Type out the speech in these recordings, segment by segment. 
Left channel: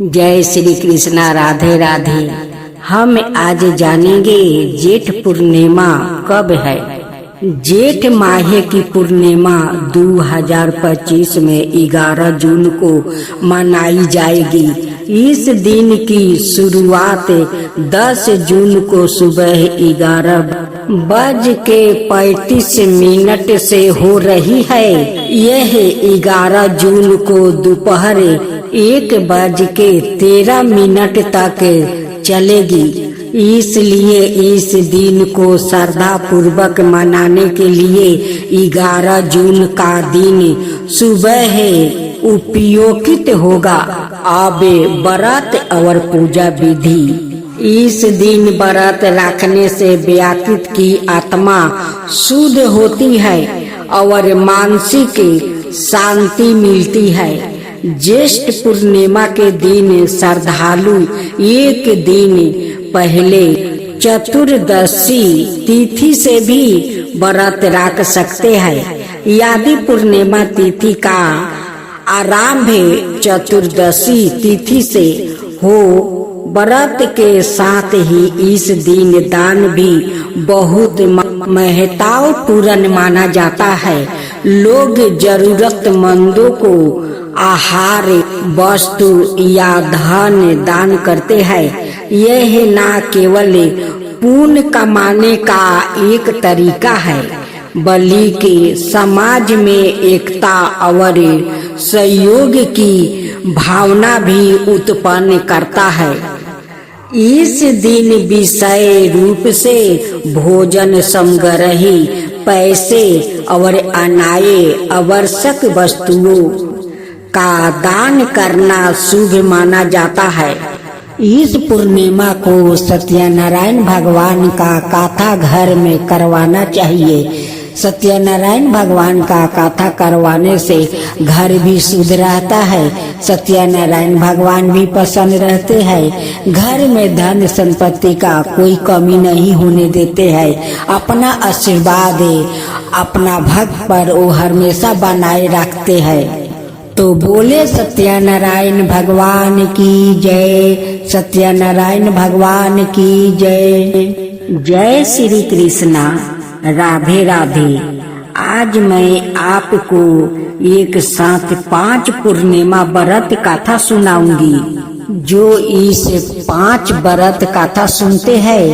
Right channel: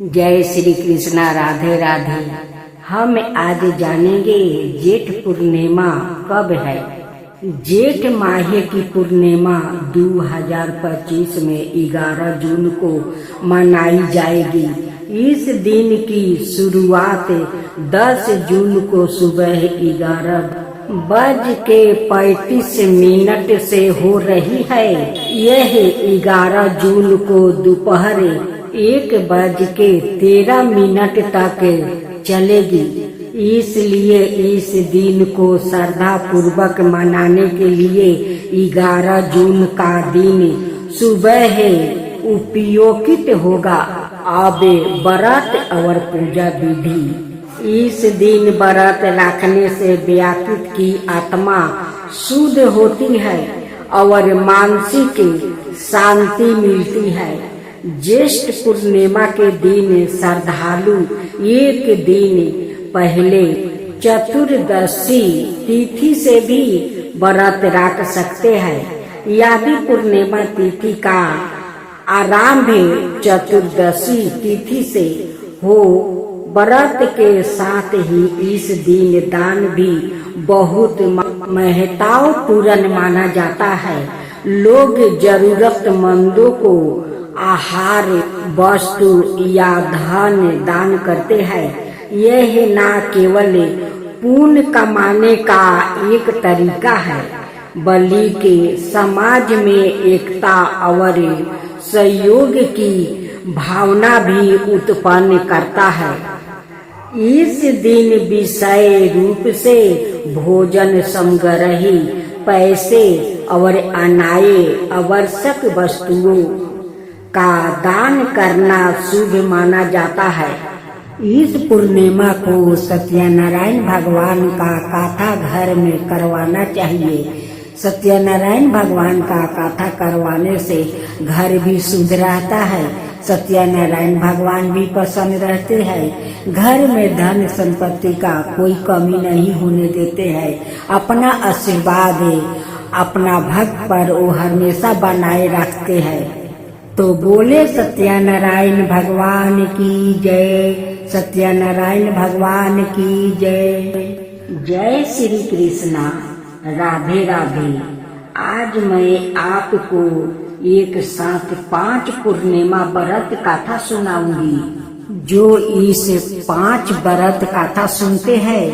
जय श्री कृष्णा। राधे राधे। हम आज जानेंगे जेठ पूर्णिमा कब है। जेठ माह की पूर्णिमा 2025 में 11 जून को मनाई जाएगी। इस दिन की शुरुआत 10 जून को सुबह 11:35 से हो रही है। यह 11 जून को दोपहर 1:13 तक चलेगी। इसलिए इस दिन को श्रद्धा पूर्वक मनाने के लिए 11 जून का दिन सुबह उपयोगित होगा। अब व्रत और पूजा विधि। इस दिन व्रत रखने से व्यक्ति की आत्मा शुद्ध होती है और मानसिक शांति मिलती है। ज्येष्ठ पूर्णिमा के दिन श्रद्धालु एक दिन पहले चतुर्दशी तिथि से भी व्रत रख सकते हैं। यदि पूर्णिमा तिथि का आरंभ चतुर्दशी तिथि से हो, व्रत के साथ ही इस दिन दान भी बहुत महत्वपूर्ण माना जाता है। लोग जरूरतमंदों को आहार वस्तु या धन दान करते हैं। यह न केवल पुण्य कमाने का एक तरीका है, बल्कि समाज में एकता और सहयोग की भावना भी उत्पन्न करता है। इस दिन विशेष रूप से भोजन सामग्री, पैसे और अन्य आवश्यक वस्तुओं का दान करना शुभ माना जाता है। इस पूर्णिमा को सत्यनारायण भगवान का कथा घर में करवाना चाहिए। सत्यनारायण भगवान का कथा करवाने से घर भी शुद्ध रहता है। सत्यनारायण भगवान भी प्रसन्न रहते हैं। घर में धन संपत्ति का कोई कमी नहीं होने देते हैं। अपना आशीर्वाद अपना भक्त पर वो हमेशा बनाए रखते हैं। तो बोले सत्यनारायण भगवान की जय। सत्यनारायण भगवान की जय। जय श्री कृष्णा। राधे राधे। आज मैं आपको एक साथ 5 पूर्णिमा व्रत कथा सुनाऊंगी। जो इस 5 व्रत कथा सुनते हैं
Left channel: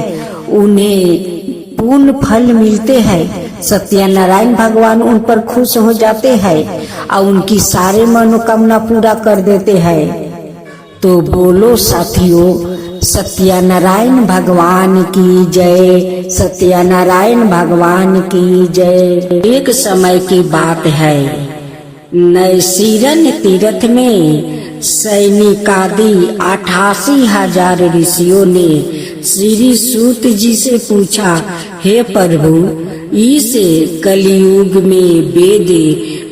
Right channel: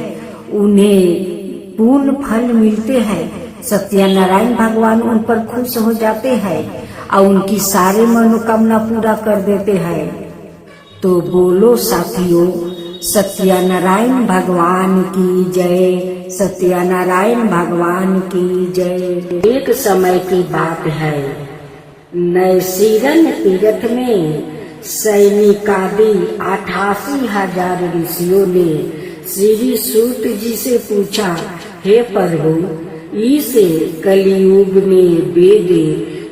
उन्हें पूर्ण फल मिलते हैं। सत्यनारायण भगवान उन पर खुश हो जाते हैं और उनकी सारे मनोकामना पूरा कर देते हैं। तो बोलो साथियों, सत्यनारायण भगवान की जय। सत्यनारायण भगवान की जय। एक समय की बात है, नैसीरन तीर्थ में सैनिकादि 88,000 ऋषियों ने श्री सूत जी से पूछा, हे प्रभु, इस कलियुग में वेद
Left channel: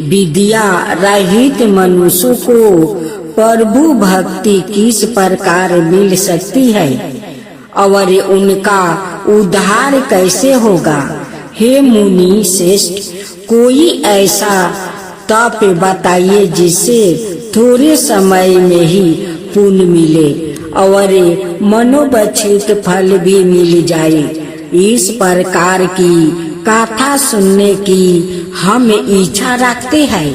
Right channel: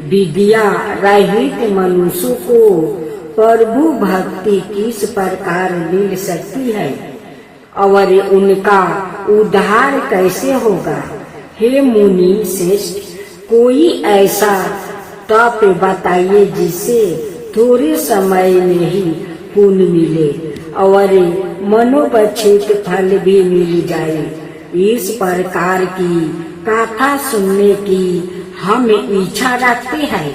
विद्या रहित मनुष्य को प्रभु भक्ति किस प्रकार मिल सकती है और उनका उद्धार कैसे होगा। हे मुनि श्रेष्ठ, कोई ऐसा तप बताइए जिससे थोड़े समय में ही पुण्य मिले और मनोवांछित फल भी मिल जाए। इस प्रकार की कथा सुनने की हम इच्छा रखते हैं।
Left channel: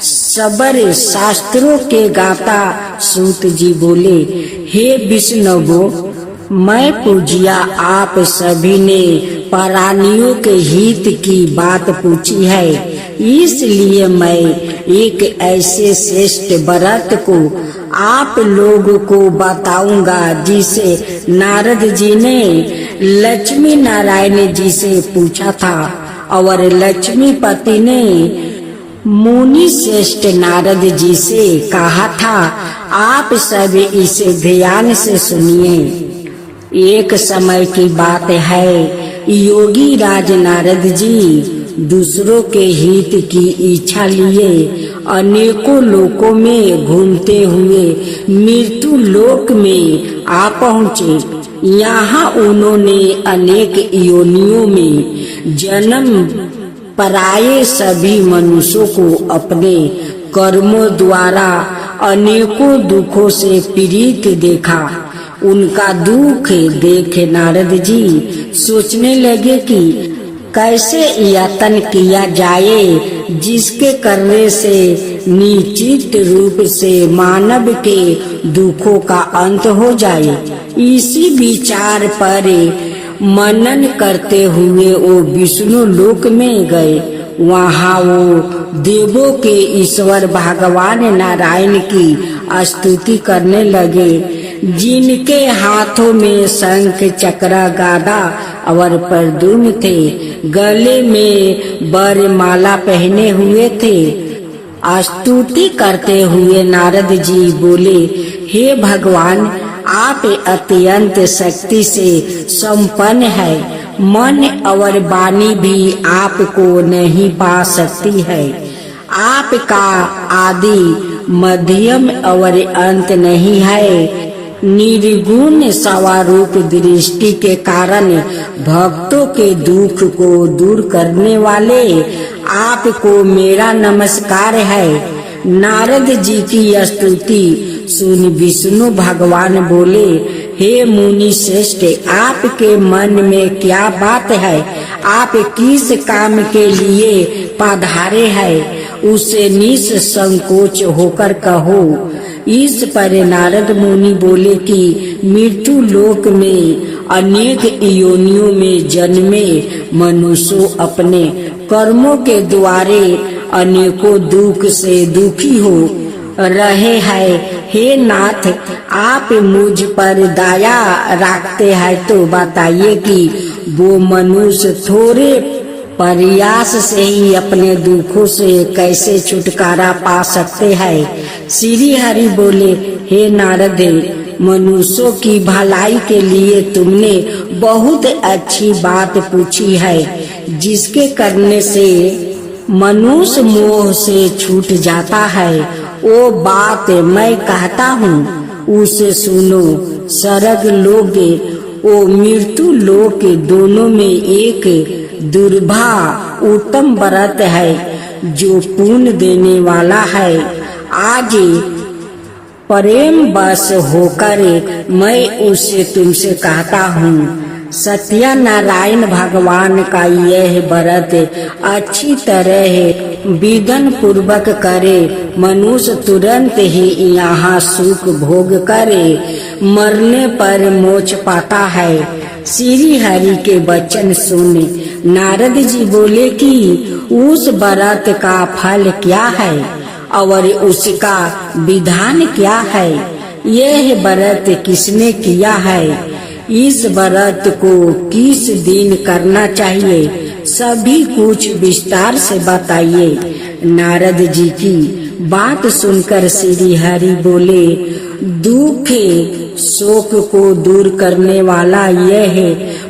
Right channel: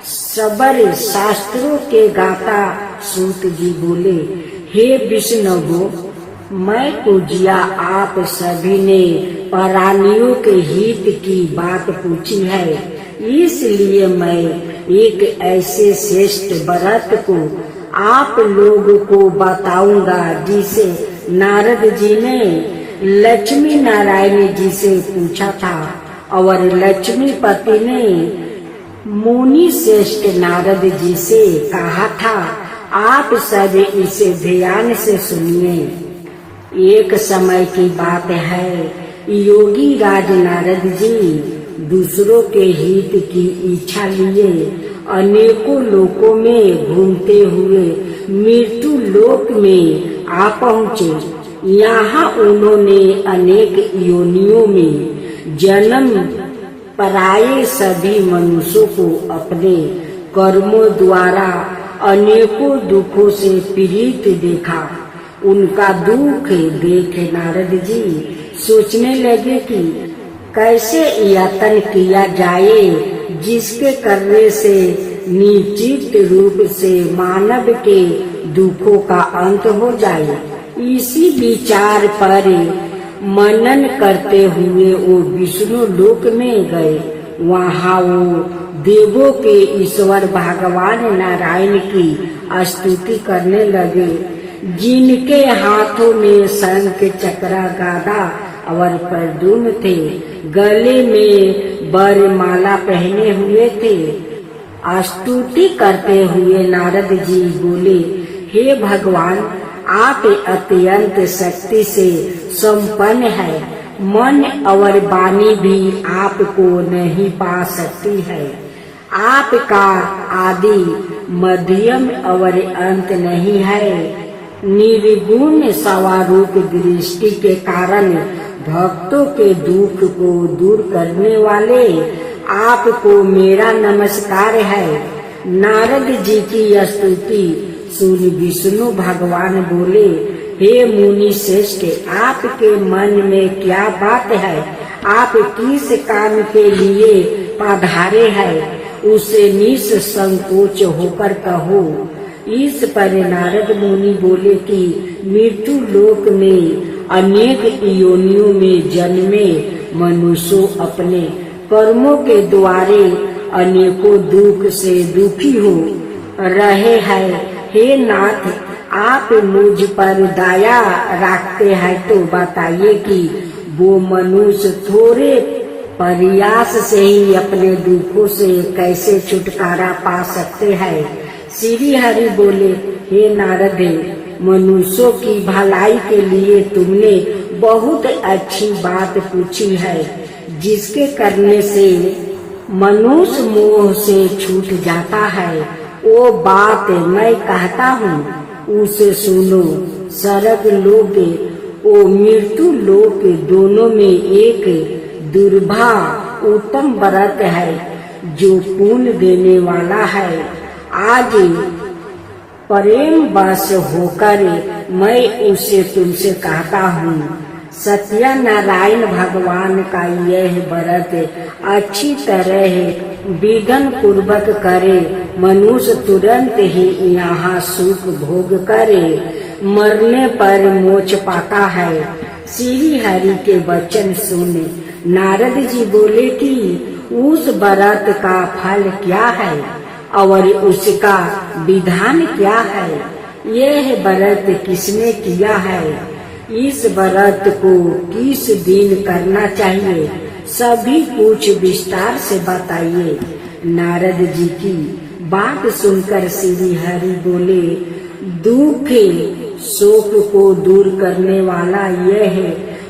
सबर शास्त्रों के गाता सूत जी बोले, हे विष्णु, मैं पूजिया आप सभी ने प्राणियों के हित की बात पूछी है, इसलिए मैं एक ऐसे श्रेष्ठ व्रत को आप लोगों को बताऊंगा जिसे नारद जी ने लक्ष्मी नारायण जी से पूछा था और लक्ष्मीपति ने मुनि श्रेष्ठ नारद जी से कहा था। आप सब इसे ध्यान से सुनिए। एक समय की बात है, योगी राज नारद जी दूसरों के हित की इच्छा लिए अनेकों लोकों में घूमते हुए मृत्यु लोक में आ पहुँचे। यहाँ उन्होंने अनेक योनियों में जन्म पराये सभी मनुष्यों को अपने कर्मों द्वारा अनेकों दुखों से पीड़ित देखा। उनका दुख देख नारद जी सोचने लगे कि कैसे यत्न किया जाए जिसके करने से निश्चित रूप से मानव के दुखों का अंत हो जाए। इसी विचार पर मनन करते हुए वो विष्णु लोक में गए। वहाँ वो देवों के ईश्वर भगवान नारायण की स्तुति करने लगे, जिनके हाथों में शंख चक्र गदा और प्रद्युम्न थे, गले में वरमाला पहने हुए थे। स्तुति करते हुए नारद जी बोले, हे भगवान, आप अत्यंत शक्ति से संपन्न है। मन और वाणी भी आपको नहीं पा सकती है। आपका आदि मध्यम और अंत नहीं है। निर्गुण स्वरूप दृष्टि के कारण भक्तों के दुख को दूर करने वाले आपको मेरा नमस्कार है। नारद जी की स्तुति सुन विष्णु भगवान बोले, हे मुनि श्रेष्ठ, आपके मन में क्या बात है? आप किस काम के लिए पधारे हैं? उसे निसंकोच होकर कहो। इस पर नारद मुनि बोले कि मृत्यु लोक में अनेक योनियों में जन्मे मनुष्य अपने कर्मों के द्वारे अनेकों दुख से दुखी हो रहे हैं। हे नाथ, आप मुझ पर दया रखते हैं तो बताइए कि वो मनुष्य थोड़े प्रयास से ही अपने दुखों से कैसे छुटकारा पा सकते हैं। श्री हरि बोले, हे नारद, मनुष्यों की भलाई के लिए तुमने बहुत अच्छी बात पूछी है। जिसके करने से मनुष्य मोह से छूट जाता है, वो बात मैं कहता हूँ, उसे सुनो। स्वर्ग लोक वो मृत्यु लोक दोनों में एक दुर्भा उत्तम व्रत है जो पुण्य देने वाला है। आज प्रेम बस होकर मैं उसे तुमसे कहता हूँ। सत्यनारायण भगवान का यह व्रत अच्छी तरह विधान पूर्वक करे, मनुष्य तुरंत ही यहाँ सुख भोग करे, मरने पर मोक्ष पाता है। श्री हरि के वचन सुने नारद जी बोले कि उस व्रत का फल क्या है और उसका विधान क्या है? यह व्रत किसने किया है? इस व्रत को किस दिन करना चाहिए? सभी कुछ विस्तार से बताइए। नारद जी की बात सुनकर श्री हरि बोले, दुख शोक को दूर करने वाला यह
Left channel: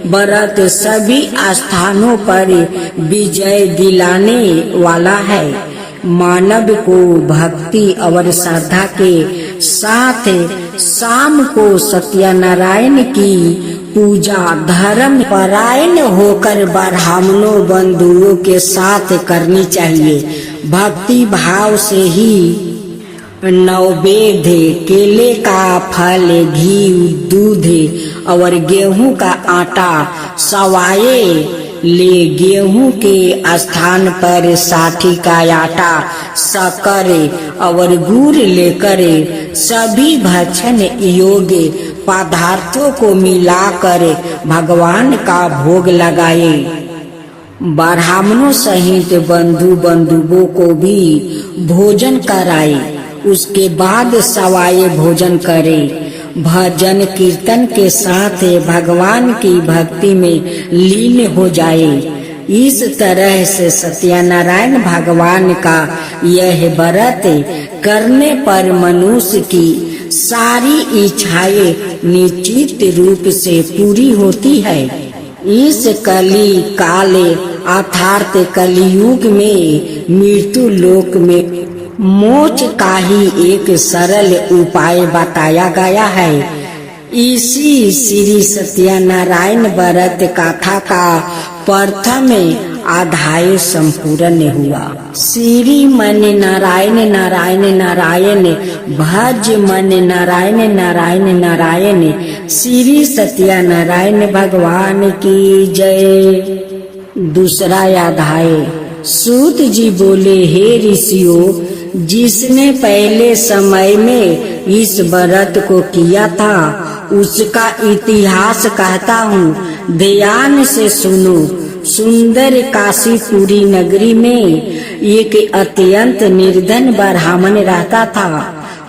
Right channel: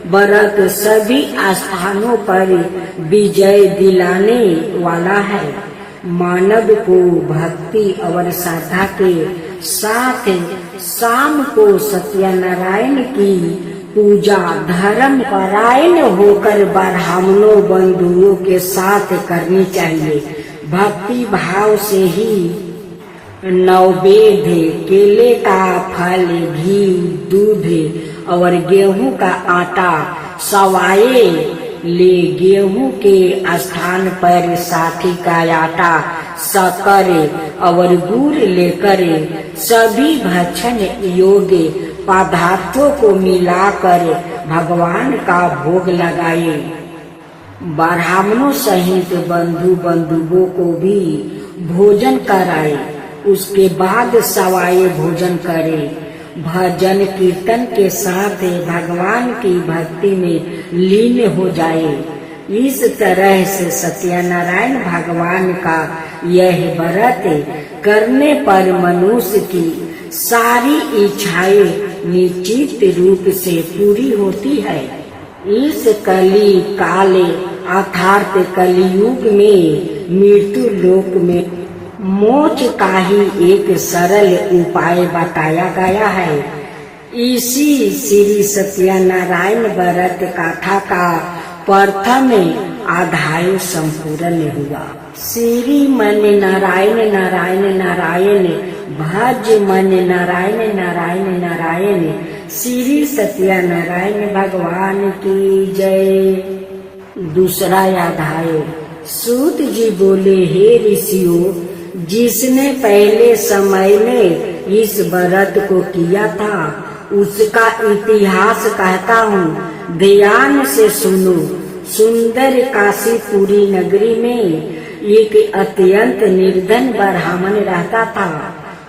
व्रत सभी स्थानों पर विजय दिलाने वाला है। मानव को भक्ति और श्रद्धा के साथ शाम को सत्यनारायण की पूजा धर्म परायण होकर ब्राह्मणों बंधुओं के साथ करनी चाहिए। भक्ति भाव से ही नैवेद्य, केले का फल, घी, दूध और गेहूं का आटा सवाए ले। गेहूं के स्थान पर साठी का आटा, शक्कर और गुड़ लेकर सभी भक्षण योग्य पदार्थों को मिलाकर भगवान का भोग लगाए। ब्राह्मणों सहित बंधु बंधुओं को भी भोजन कराए। उसके बाद सवाए भोजन करे। भजन कीर्तन के साथ भगवान की भक्ति में लीन हो जाए। इस तरह से सत्यनारायण भगवान का यह व्रत करने पर मनुष्य की सारी इच्छाएं निश्चित रूप से पूरी होती है। इस कली काल अर्थात कलियुग में मृत्यु लोक में मोक्ष का ही एक सरल उपाय बताया गया है। इसी श्री सत्यनारायण व्रत कथा का प्रथम अध्याय संपूर्ण हुआ। श्री मन नारायण नारायण नारायण, भज मन नारायण नारायण नारायण, श्री सत्यनारायण भगवान की जय। दूसरा अध्याय। सूत जी बोले, हे ऋषियों, जिसने पहले समय में इस व्रत को किया था उसका इतिहास कहता हूँ, ध्यान से सुनो। सुंदर काशीपुरी नगरी में एक अत्यंत निर्धन ब्राह्मण रहता था।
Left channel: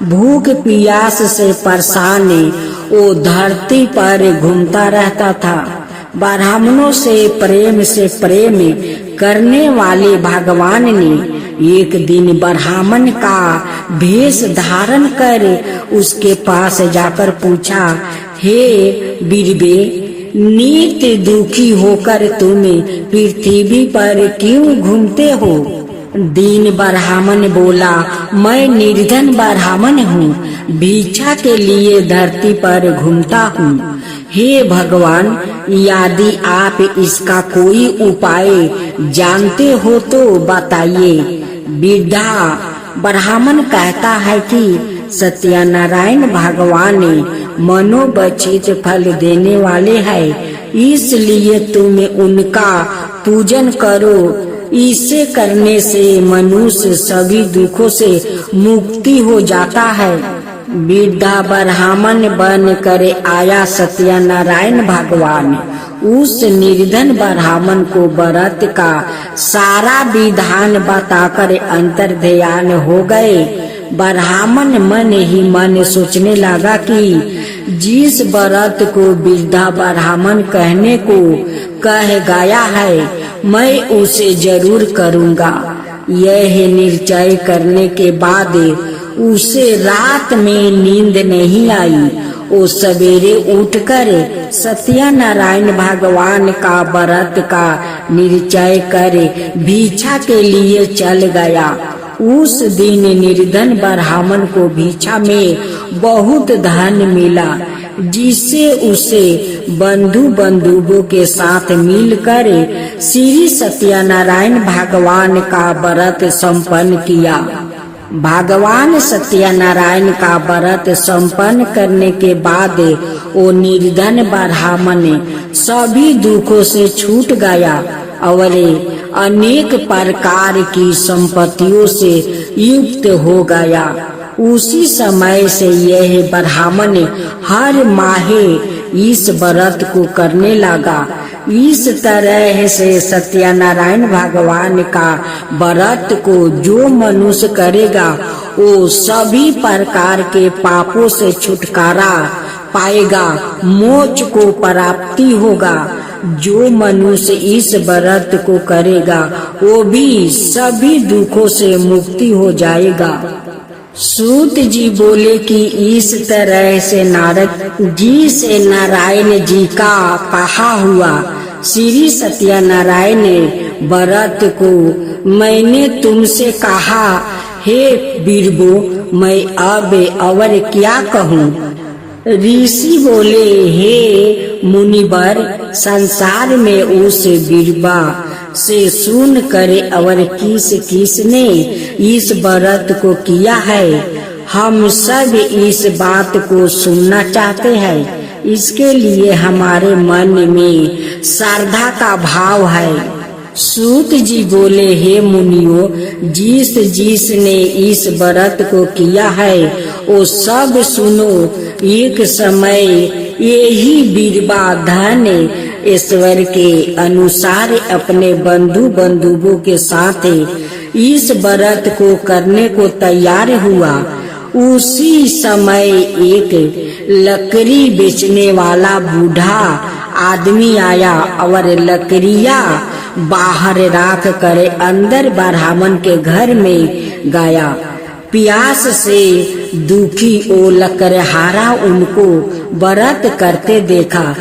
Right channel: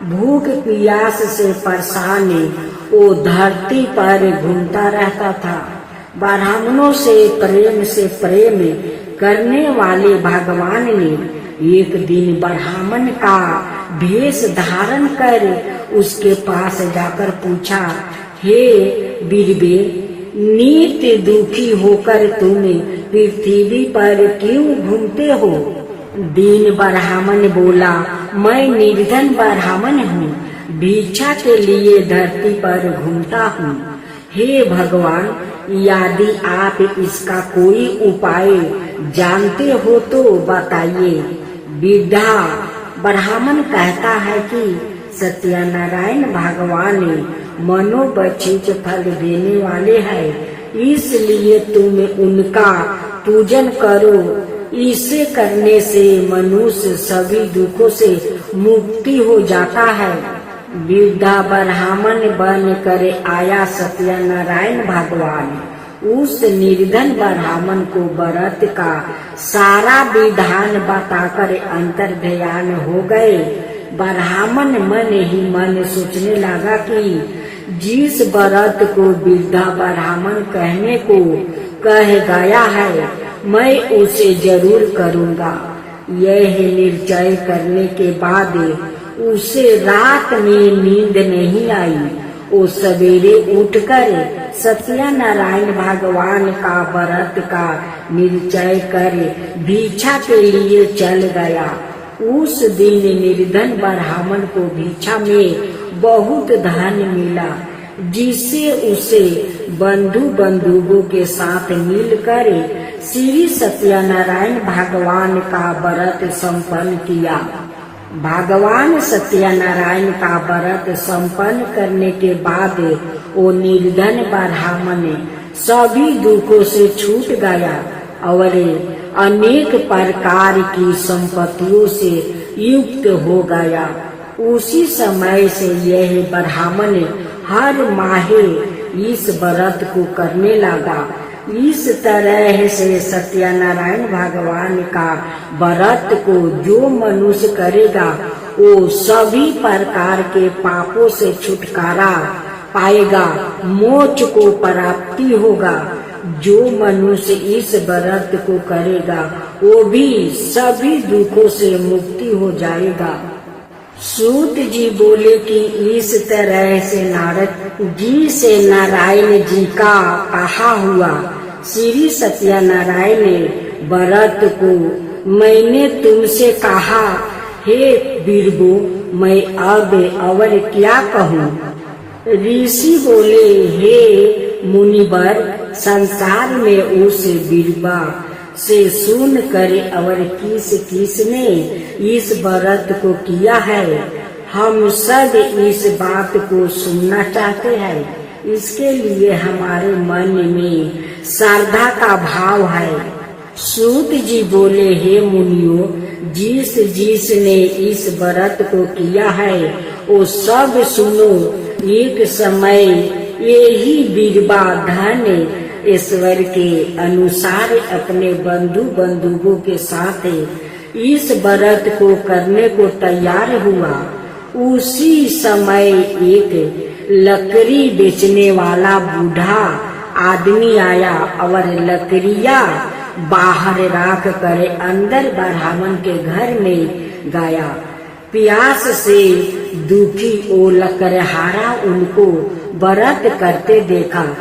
भूख प्यास से परेशान वो धरती पर घूमता रहता था। ब्राह्मणों से प्रेम करने वाले भगवान ने एक दिन ब्राह्मण का भेष धारण कर उसके पास जाकर पूछा, हे बीरबे, नित्य दुखी होकर तुम पृथ्वी पर क्यों घूमते हो? दीन ब्राह्मण बोला, मैं निर्धन ब्राह्मण हूँ, भिक्षा के लिए धरती पर घूमता हूँ। हे भगवान, यदि आप इसका कोई उपाय जानते हो तो बताइए। वृद्धा ब्राह्मण कहता है कि सत्यनारायण भगवान मनोवांछित फल देने वाले हैं, इसलिए तुम उनका पूजन करो। इसे करने से मनुष्य सभी दुखों से मुक्ति हो जाता है। वृद्धा ब्राह्मण बन कर आया सत्यनारायण भगवान उस निर्धन ब्राह्मण को व्रत का सारा विधान बताकर अंतर ध्यान हो गए। ब्राह्मण मन ही मन सोचने लगा कि जिस व्रत को वृद्धा ब्राह्मण कहने को कह गया है, मैं उसे जरूर करूँगा। यह निश्चय करने के बाद उसे रात में नींद नहीं आई। वो सवेरे उठकर सत्यनारायण भगवान का व्रत का निश्चय कर भिक्षा के लिए चल गया। उस दिन निर्धन ब्राह्मण को भिक्षा में बहुत धन मिला, जिससे उसे बंधुओं के साथ मिलकर श्री सत्यनारायण भगवान का व्रत संपन्न किया। भगवान सत्यनारायण का व्रत संपन्न करने के बाद वो निर्धन ब्राह्मण सभी दुखों से छूट गया और अनेक प्रकार की संपत्तियों से युक्त हो गया। उसी समय से यह ब्राह्मण हर माह इस व्रत को करने लगा। इस तरह से सत्यनारायण भगवान का व्रत को जो मनुष्य करेगा वो सभी प्रकार के पापों से छुटकारा पाएगा, मोक्ष को प्राप्ति होगा। जो मनुष्य इस व्रत को करेगा वो भी सभी दुखों से मुक्ति हो जाएगा। सूत जी बोले कि इस तरह से नारद जी से नारायण जी का कहा हुआ श्री सत्यनारायण व्रत को मैंने तुमसे कहा, हे बीरबो, मैं अब और क्या कहूँ? ऋषि बोले, हे मुनिवर, संसार में उस बीरबा से सुन करे और किसने इस व्रत को किया है, हम सब इस बात को सुनना चाहते हैं। इसके लिए हमारे मन में श्रद्धा का भाव है। सूत जी बोले, हे मुनियों, जिसने इस व्रत को किया है वो सब सुनो। एक समय यही बीरबा धन ईश्वर के अनुसार अपने बंधुओं के साथ इस व्रत को करने को तैयार हुआ। उसी समय एक लकड़ी बेचने वाला बूढ़ा आदमी आया और लकड़ियाँ बाहर रख कर अंदर ब्राह्मण के घर में गया। प्यास से दुखी वो लकड़हारा उनको व्रत करते देखा।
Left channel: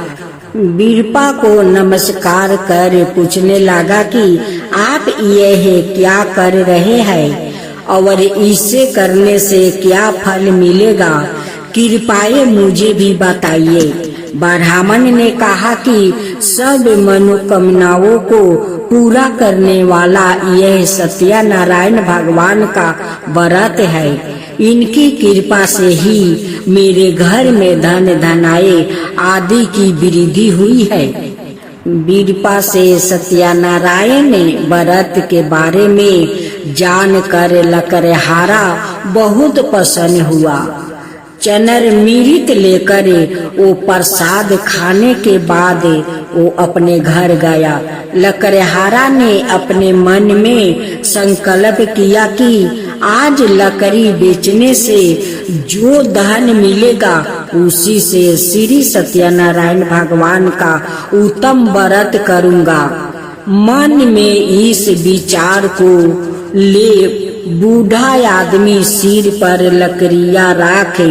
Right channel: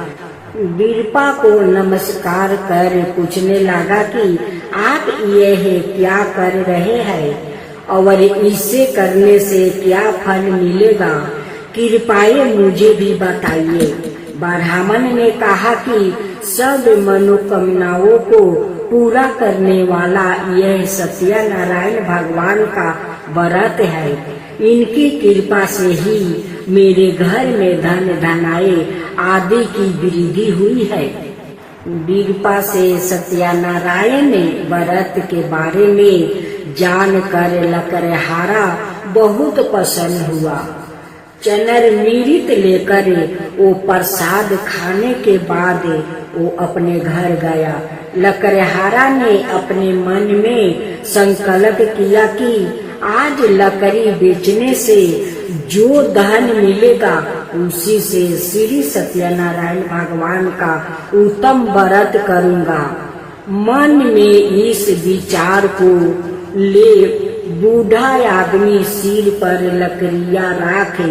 बीरबा को नमस्कार कर पूछने लगा कि आप यह क्या कर रहे हैं और इसे करने से क्या फल मिलेगा, कृपया मुझे भी बताइए। ब्राह्मण ने कहा कि सब मनोकामनाओं को पूरा करने वाला यह सत्यनारायण भगवान का व्रत है। इनकी कृपा से ही मेरे घर में धन धनाए आदि की वृद्धि हुई है। वीरपा से सत्यनारायण व्रत के बारे में जानकर लकड़हारा बहुत प्रसन्न हुआ। चनर मिरित लेकर वो प्रसाद खाने के बाद वो अपने घर गया। लकड़हारा ने अपने मन में संकल्प किया कि आज लकड़ी बेचने से जो धन मिलेगा उसी से श्री सत्यनारायण भगवान का उत्तम व्रत करूंगा। मन में इस विचार को ले बूढ़ा आदमी सिर पर लकड़ियां रखे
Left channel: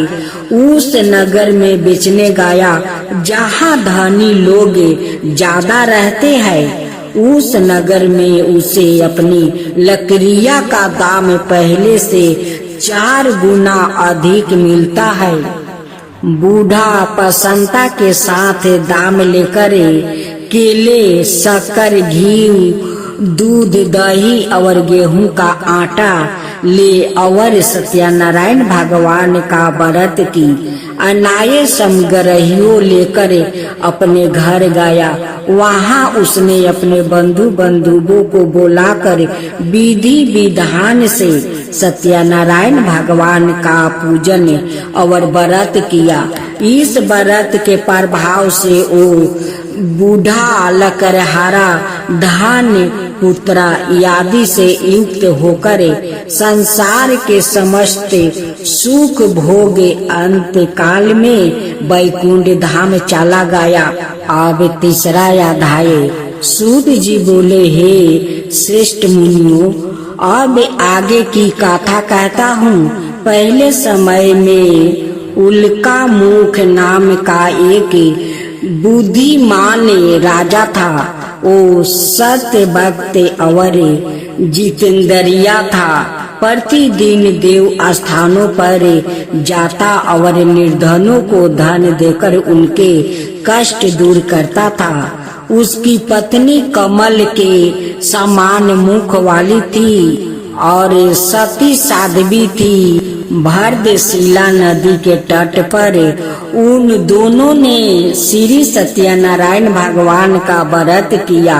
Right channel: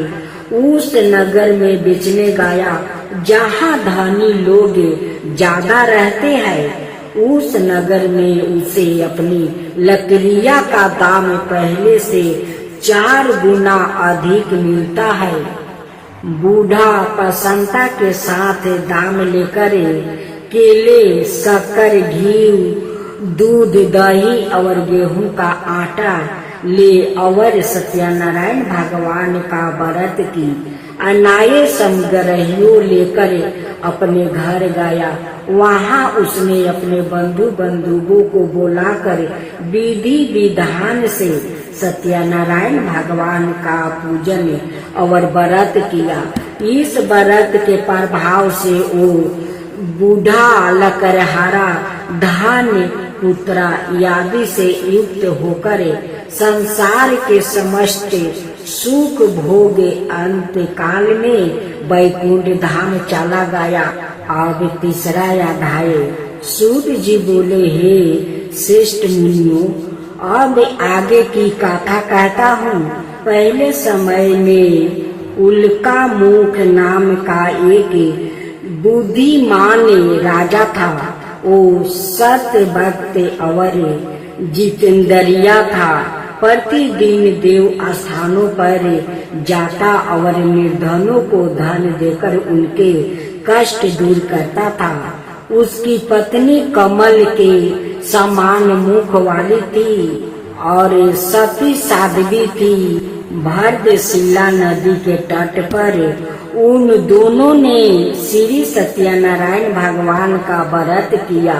उस नगर में बेचने गया जहाँ धनी लोग ज्यादा रहते हैं। उस नगर में उसे अपनी लकड़ियां का दाम पहले से 4 गुना अधिक मिलता है। बूढ़ा प्रसन्नता के साथ दाम लेकर केले, शक्कर, घी, दूध, दही और गेहूं का आटा ले और सत्यनारायण भगवान का व्रत की अनाय समग्रहियों लेकर अपने घर गया। वहाँ उसने अपने बंधु बंधुओं को बुलाकर विधि विधान से सत्यनारायण भगवान का पूजन और व्रत किया। इस व्रत के प्रभाव से वो बूढ़ा लकड़हारा धन, पुत्र आदि से युक्त होकर संसार के समस्त सुख भोग अंत काल में वैकुंठ धाम चला गया। अब तीसरा अध्याय। सूत जी बोले, हे श्रेष्ठ मुनियों, अब आगे की कथा कहता हूँ। पहले समय में उल्का मुख नाम का एक बुद्धिमान राजा था। वो सत्य भक्त और जितेंद्रिया था। प्रतिदिन देव स्थानों पर जाता और निर्धनों को धन देकर उनके कष्ट दूर करता था। उसकी पत्नी कमल के समान मुख वाली थी और सती साध्वी थी। भरतशिला नदी के तट पर उन दोनों ने श्री सत्यनारायण भगवान का व्रत किया।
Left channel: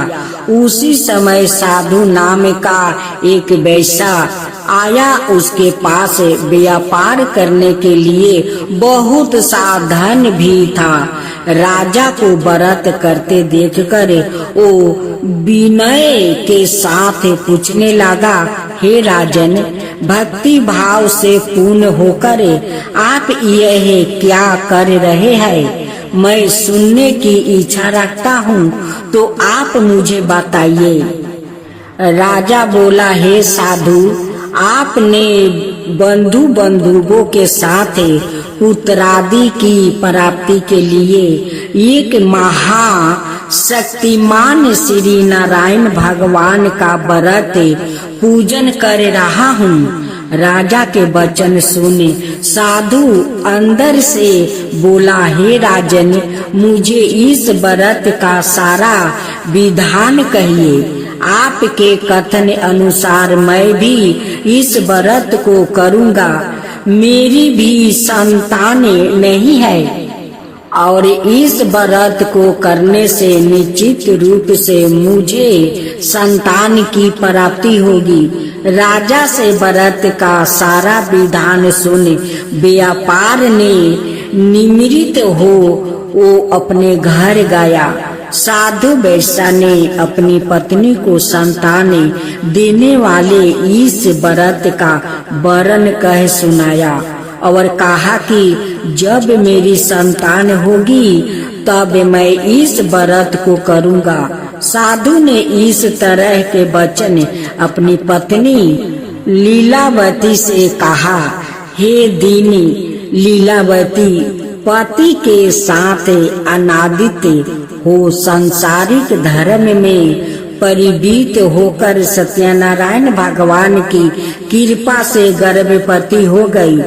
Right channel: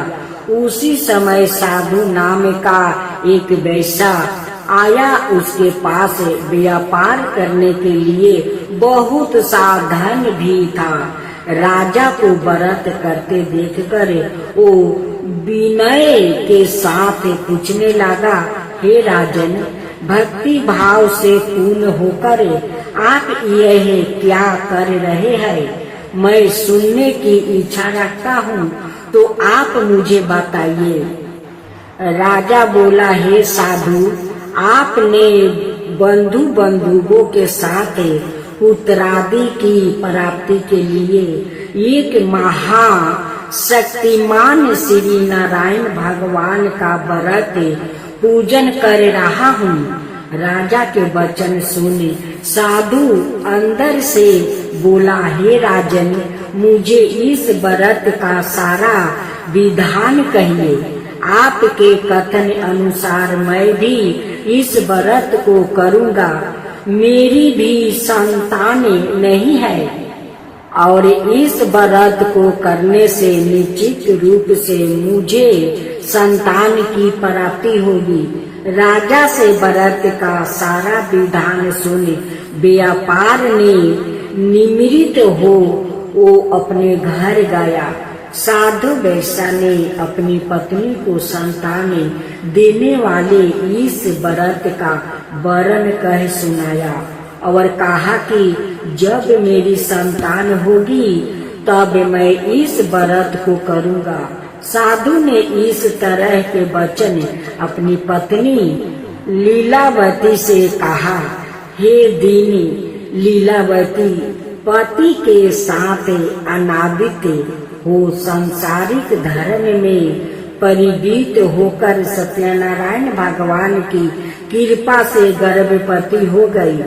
उसी समय साधु नाम का एक वैश्य आया। उसके पास व्यापार करने के लिए बहुत सा धन भी था। राजा को व्रत करते देखकर वो विनय के साथ पूछने लगा, हे राजन, भक्ति भाव से पूर्ण होकर आप यह क्या कर रहे हैं? मैं सुनने की इच्छा रखता हूँ, तो आप मुझे बताइए। राजा बोला, हे साधु, आपने बंधु बंधुओं के साथ पुत्रादि की प्राप्ति के लिए एक महाशक्तिमान श्री नारायण भगवान का व्रत पूजन कर रहा हूँ। राजा के वचन सुने साधु अंदर से बोला, हे राजन, मुझे इस व्रत का सारा विधान कहिए। आपके कथन अनुसार मैं भी इस व्रत को करूँगा। मेरी भी संतान नहीं है और इस व्रत को करने से निश्चित रूप से मुझे संतान की प्राप्ति होगी। राजा से व्रत का सारा विधान सुन व्यापार ने निमृत हो वो अपने घर गया। साधु वैश्य ने अपनी पत्नी को संतान देने वाले इस व्रत का वर्णन कह सुनाया और कहा कि जब मेरी संतान होगी तब मैं इस व्रत को करूँगा। साधु ने इस तरह के वचन अपनी पत्नी लीलावती से कहा। हे दीनी लीलावती, पति के साथ अनादित हो संसारिक धर्म में परिवीत होकर सत्यनारायण भगवान की कृपा से गर्भवती हो गई।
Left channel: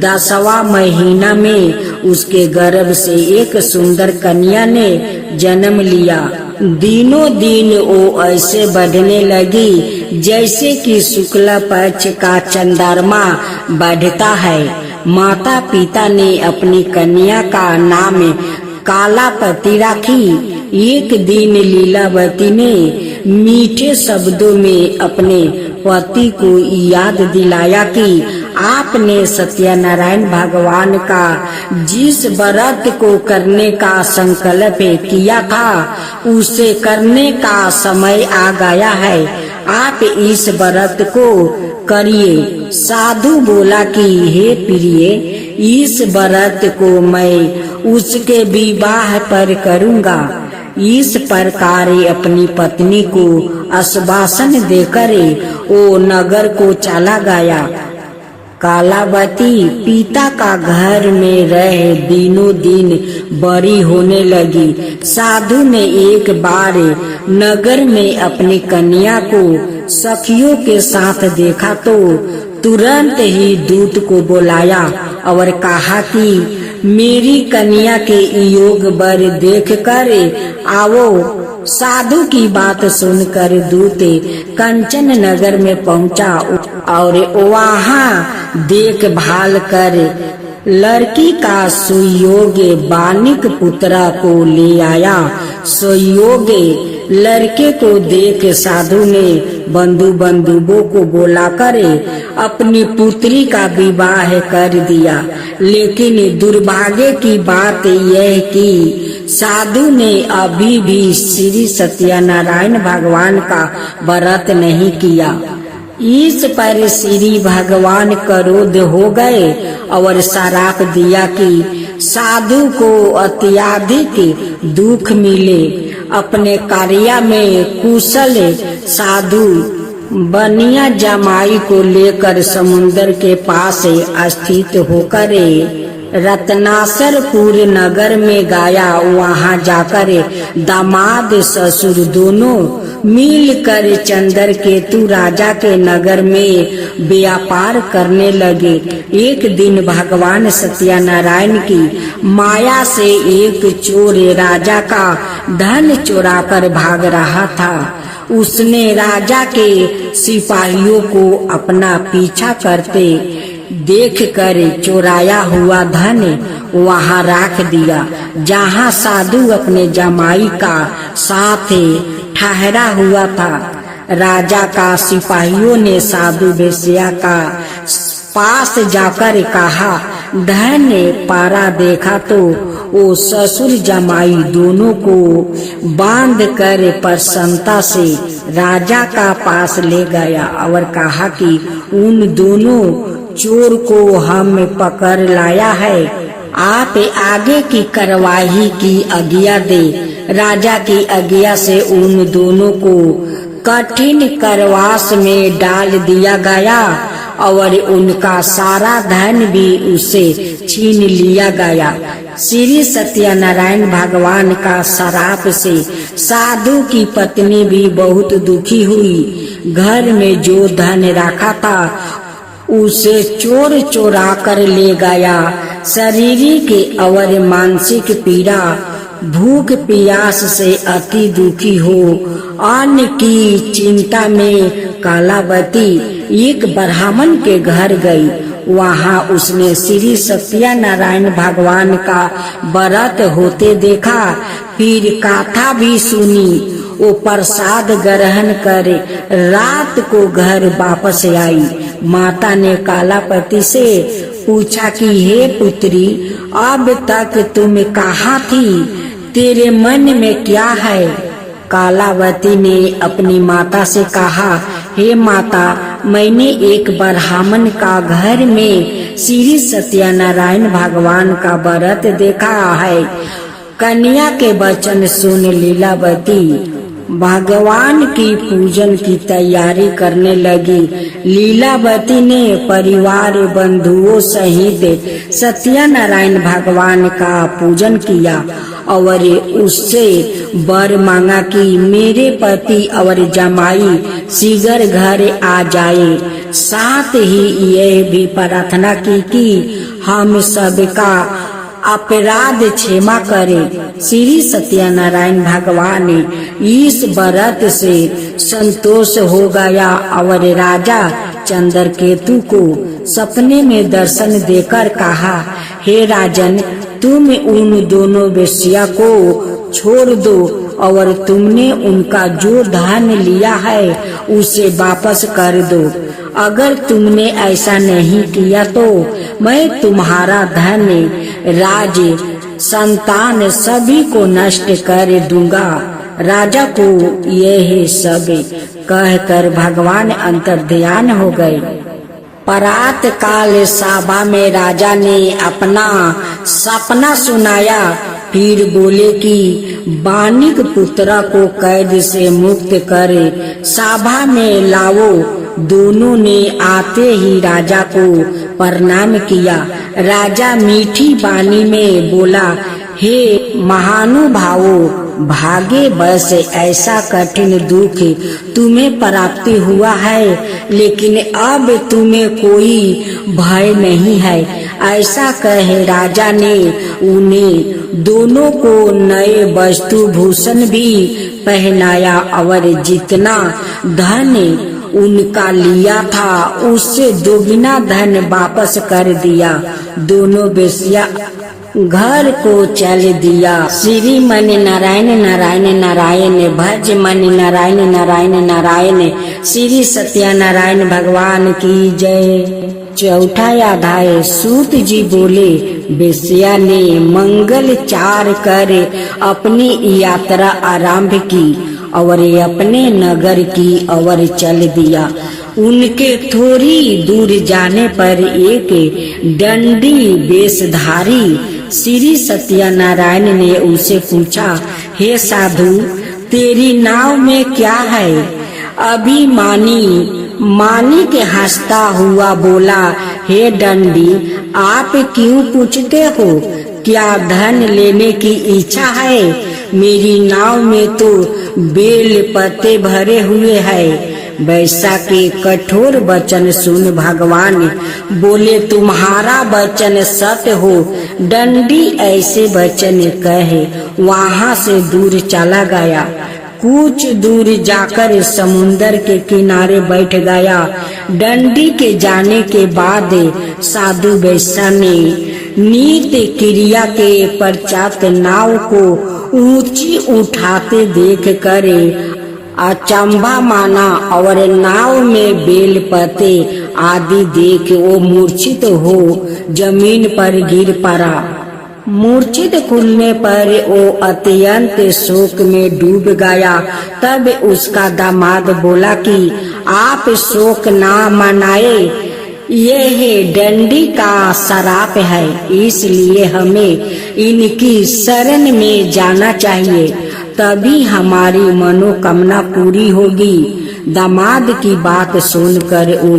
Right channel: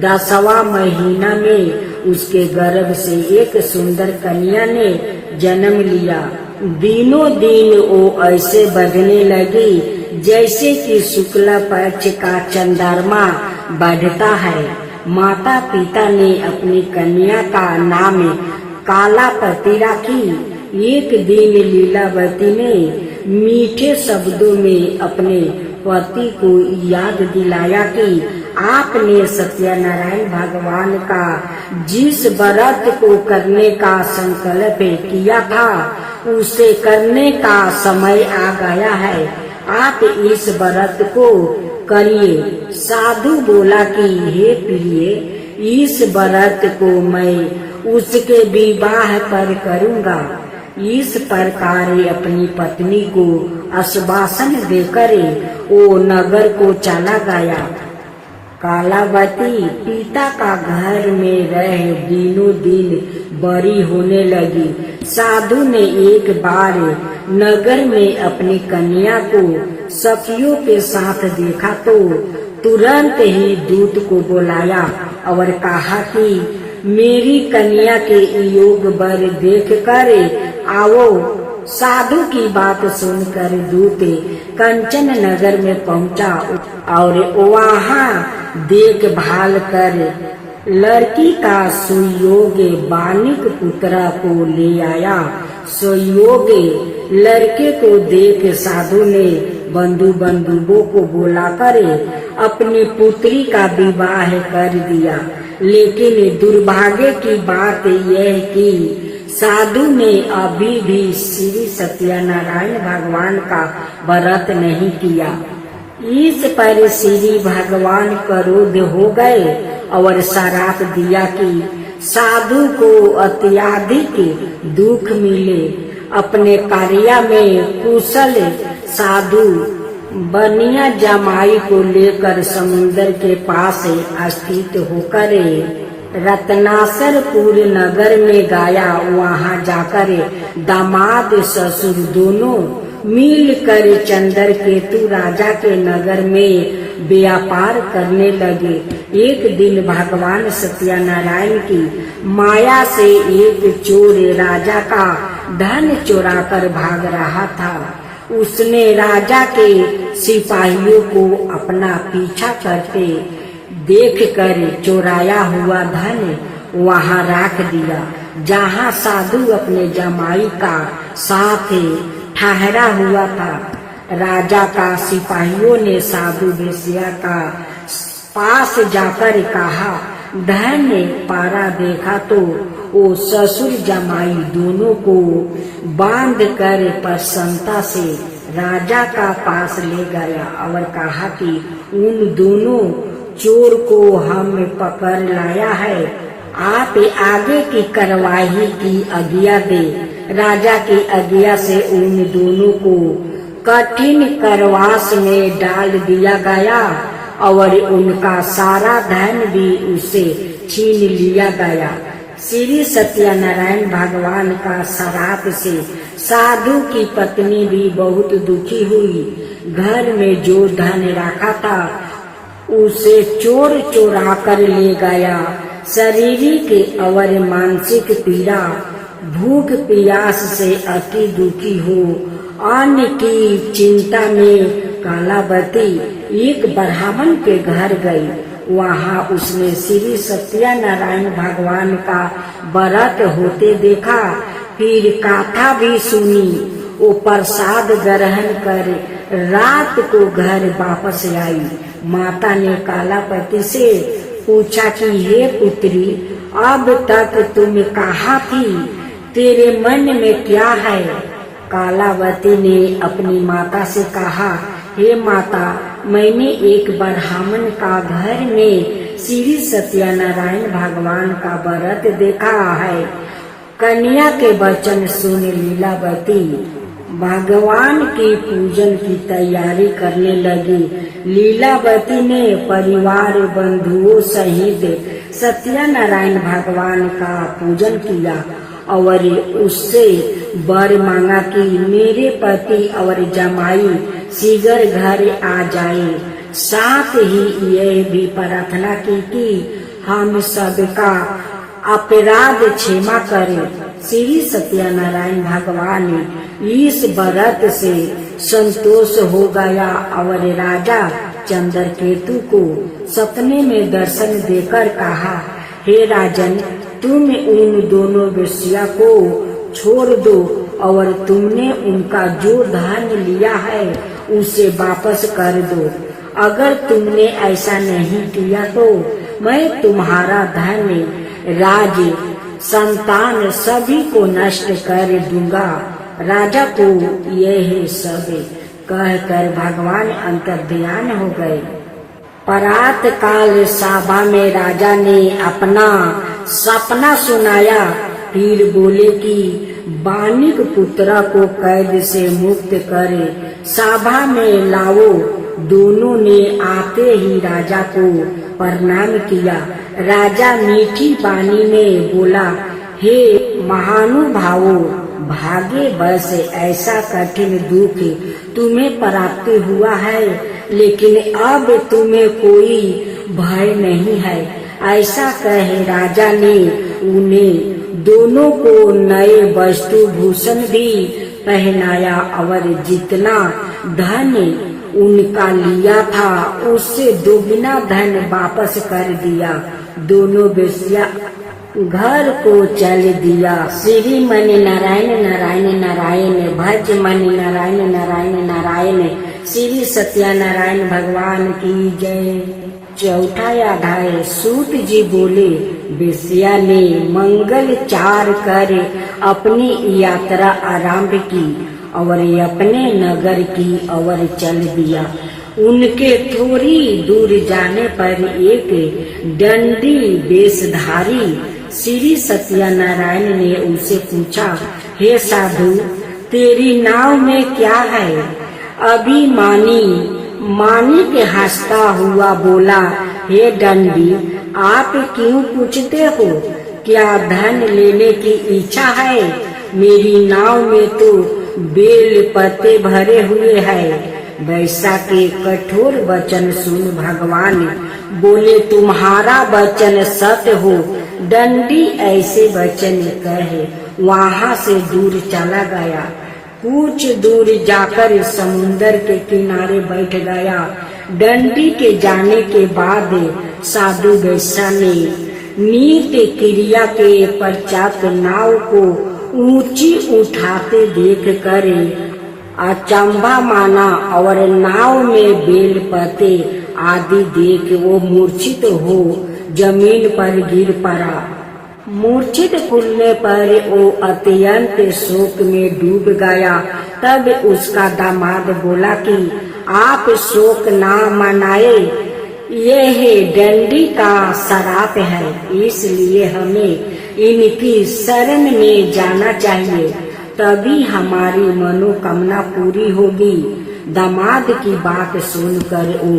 10वां महीना में उसके गर्भ से एक सुंदर कन्या ने जन्म लिया। दिनों दिन वो ऐसे बढ़ने लगी जैसे कि शुक्ल पक्ष का चंद्रमा बढ़ता है। माता पिता ने अपनी कन्या का नाम कालापति रखी। एक दिन लीलावती ने मीठे शब्दों में अपने पति को याद दिलाया कि आपने सत्यनारायण भगवान का जिस व्रत को करने का संकल्प किया था उसे करने का समय आ गया है। आप इस व्रत को करिए। साधु बोला कि हे प्रिय, इस व्रत को मैं उसके विवाह पर करूँगा। इस प्रकार अपनी पत्नी को आश्वासन देकर वो नगर को चला गया। कालावती पिता का घर में रह दिनों दिन बड़ी होने लगी। साधु ने एक बार नगर में अपनी कन्या को सखियों के साथ देखा तो तुरंत ही दूत को बुलाया और कहा कि मेरी कन्या के योग वर देख कर आओ। साधु की बात सुनकर दूत कंचन नगर में पहुंचा और वहाँ देखभाल कर लड़की का सुयोग्य बानिक पुत्रा को ले आया। सुयोग्य लड़के को देख साधु ने बंधु बांधवों को बुलाकर अपनी पुत्री का विवाह कर दिया। लेकिन दुर्भाग्य की बात यह कि साधु ने अभी भी श्री सत्यनारायण भगवान का व्रत नहीं किया। इस पर श्री भगवान क्रोध हो गए और श्राप दिया कि साधु को अत्यधिक दुख मिले। अपने कार्य में कुशल साधु बनिया जमाई को लेकर समुद्र के पास स्थित होकर रत्नासरपुर नगर में गया। वहां जाकर दामाद ससुर दोनों मिलकर चंद्रकेतु राजा के नगर में व्यापार करने लगे। एक दिन भगवान सत्यनारायण की माया से एक चोर राजा का धन चुराकर भाग रहा था। उसने राजा के सिपाहियों को अपना पीछा करते देखकर चुराया हुआ धन वहां रख दिया जहां साधु अपने जमाई का साथ ठहरा हुआ था। राजा का सिपाहियों ने साधु वेश्या का पास जाकर कहा, धन पारा देखा तो वो ससुर जमाई दोनों को बांध कर प्रसन्नता से राजा का पास ले गया और कहा कि उन दोनों चोर को हम पकड़ लाया है, आप आगे की कार्यवाही की आज्ञा दे। राजा की आज्ञा से उन दोनों को कठिन कारावास में डाल दिया गया और उनका सारा धन भी उसे छीन लिया गया। श्री सत्यनारायण भगवान का श्राप से साधु की पत्नी भी बहुत दुखी हुई। घर में जो धन रखा था उसे चोर चोरा कर ले गया। शारीरिक और मानसिक पीड़ा, भूख प्यास से अति दुखी हो अन्न की चिंता में कालावती एक ब्राह्मण के घर गई। वहां उसने श्री सत्यनारायण भगवान का व्रत होते देखा। फिर कथा भी सुनी। वो प्रसाद ग्रहण कर रात को घर वापस आई। माता ने कालापति से पूछा कि हे पुत्री, अब तक तुम कहाँ थी? तेरे मन में क्या है? कालावती ने अपनी माता से कहा, हे माता, मैंने एक ब्राह्मण का घर में श्री सत्यनारायण भगवान का व्रत देखा है। कन्या के वचन सुन लीलावती भगवान की पूजन की तैयारी करने लगी। लीलावती ने परिवार बंधुओं सहित सत्यनारायण भगवान का पूजन किया और उससे वर मांगा कि मेरे पति और जमाई शीघ्र घर आ जाए। साथ ही यह भी प्रार्थना की कि हम सबका अपराध क्षमा करे। श्री सत्यनारायण भगवान इस व्रत से संतोष हो गया और राजा चंद्रकेतु को सपने में दर्शन देकर कहा, हे राजन, तुम उन दोनों वेश्या को छोड़ दो और तुमने उनका जो धन लिया है उसे वापस कर दो। अगर तुमने ऐसा नहीं किया तो मैं तुम्हारा धन, राज, संतान सभी को नष्ट कर दूंगा। राजा को यह सब कहकर भगवान अंतर्ध्यान हो गए। प्रात काल सभा में राजा ने अपना सपना सुनाया। फिर बोले कि बानिक पुत्र को कैद से मुक्त करे सभा में लाओ। दोनों ने आते ही राजा को प्रणाम किया। राजा मीठी वाणी में बोला, हे महानुभावों, भागे बस ऐसा कठिन दुख तुम्हें प्राप्ति हुआ है, लेकिन अब तुम्हें कोई भय नहीं है। ऐसा कहे राजा ने उन्हें दोनों को नए वस्तु भूषण भी पहनाया और जितना धन उनका लिया था उससे दोगुना धन वापस कर दिया। दोनों वेश्या घर को चल दिया। श्री मन नारायण नारायण नारायण, भज मन नारायण नारायण नारायण। श्री सत्यनारायण भगवान की जय। चौथा अध्याय। सूत जी बोले, वेश्या ने मंगल चार कर अपनी यात्रा आरंभ की और अपने नगर की ओर चल दिया। उनके थोड़ी दूर जाने पर एक दंडी वेशधारी श्री सत्यनारायण ने उसे पूछा, हे साधु, तेरी नाव में क्या है? अभिमानी के हंसता हुआ बोला, हे दंडी, आप क्यों पूछते हो? क्या धन लेने की इच्छा है? मेरी नाव में तो बेल पत्ते भरे हुए हैं। वैसा के कठोर वचन सुन भगवान बोले, तुम्हारा वचन सत्य हो। दंडी ऐसे वचन कहे वहाँ से दूर चला गया। कुछ दूर जाकर समुन्दर के किनारे बैठ गया। दंडी के जाने के बाद साधु वैश्या ने नित्य क्रिया के पश्चात नाव को ऊंची उठाते देख कर अचंभा माना और नाव में बेल पत्ते आदि देख वो मूर्छित हो जमीन पर गिर पड़ा। मूर्छित खुलने पर वो अत्यंत शोक में डूब गया। तब उसका दामाद बोला कि आप शोक ना मनाए, यह दंडी का श्राप है, इसलिए हमें इनकी शरण में जाना चाहिए, तभी हमारी मनोकामना पूरी होगी। दामाद की बात सुनकर वो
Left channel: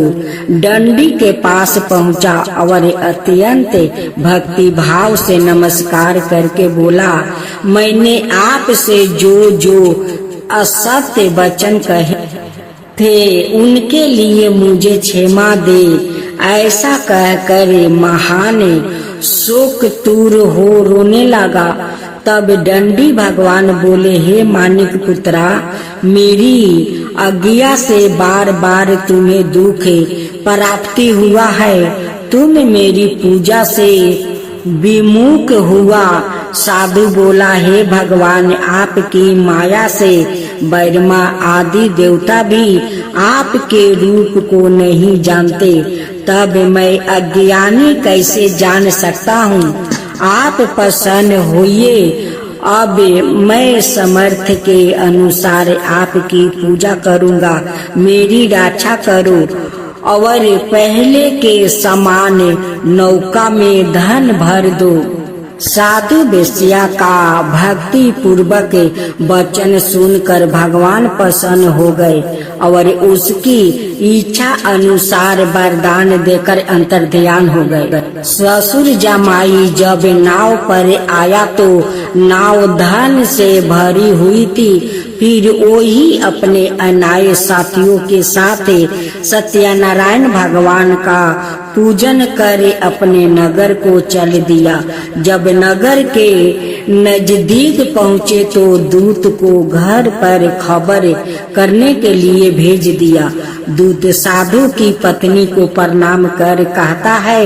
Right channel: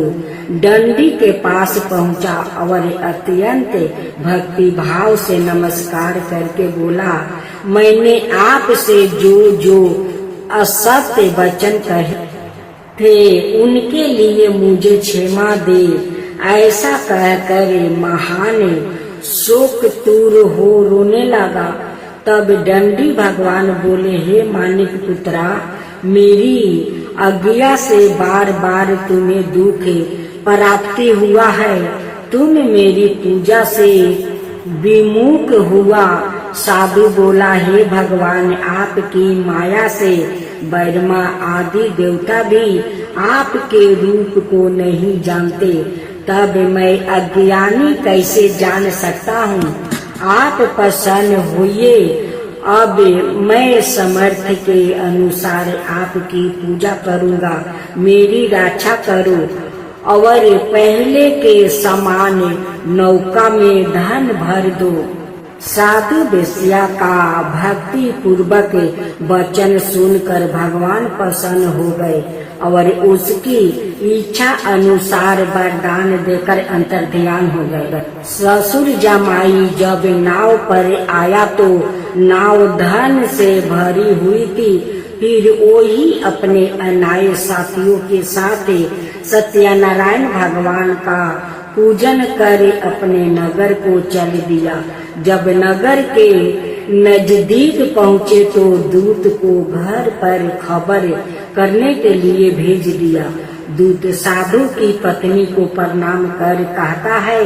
दंडी के पास पहुंचा और अत्यंत भक्ति भाव से नमस्कार करके बोला, मैंने आपसे जो असत्य वचन कहे थे उनके लिए मुझे क्षमा दे। ऐसा कहकर महान शोक दूर हो रोने लगा। तब दंडी भगवान बोले, हे मानिक पुत्रा, मेरी आज्ञा से बार बार तुम्हें दुख प्राप्ति हुआ है। तुम मेरी पूजा से विमुख हुआ। साधु बोला, हे भगवान, आपकी माया से ब्रह्मा आदि देवता भी आपके रूप को नहीं जानते, तब मैं अज्ञानी कैसे जान सकता हूँ? आप प्रसन्न होइए, अब मैं समर्थ के अनुसार आपकी पूजा करूँगा। मेरी रक्षा करो और पहले के समान नौका में धन भर दो। साधु वेश्या का भक्ति पूर्वक वचन सुनकर भगवान प्रसन्न हो गए और उसकी इच्छा अनुसार वरदान देकर अंतर्ध्यान हो गए। ससुर जमाई जब नाव पर आया तो नाव धन से भरी हुई थी। फिर वो ही अपने अनाय साथियों के साथ सत्यनारायण भगवान का पूजन कर अपने नगर को चल दिया। जब नगर के नजदीक पहुँचे तो दूत को घर पर खबर करने के लिए भेज दिया। दूत साधु की पत्नी को प्रणाम कर कहता है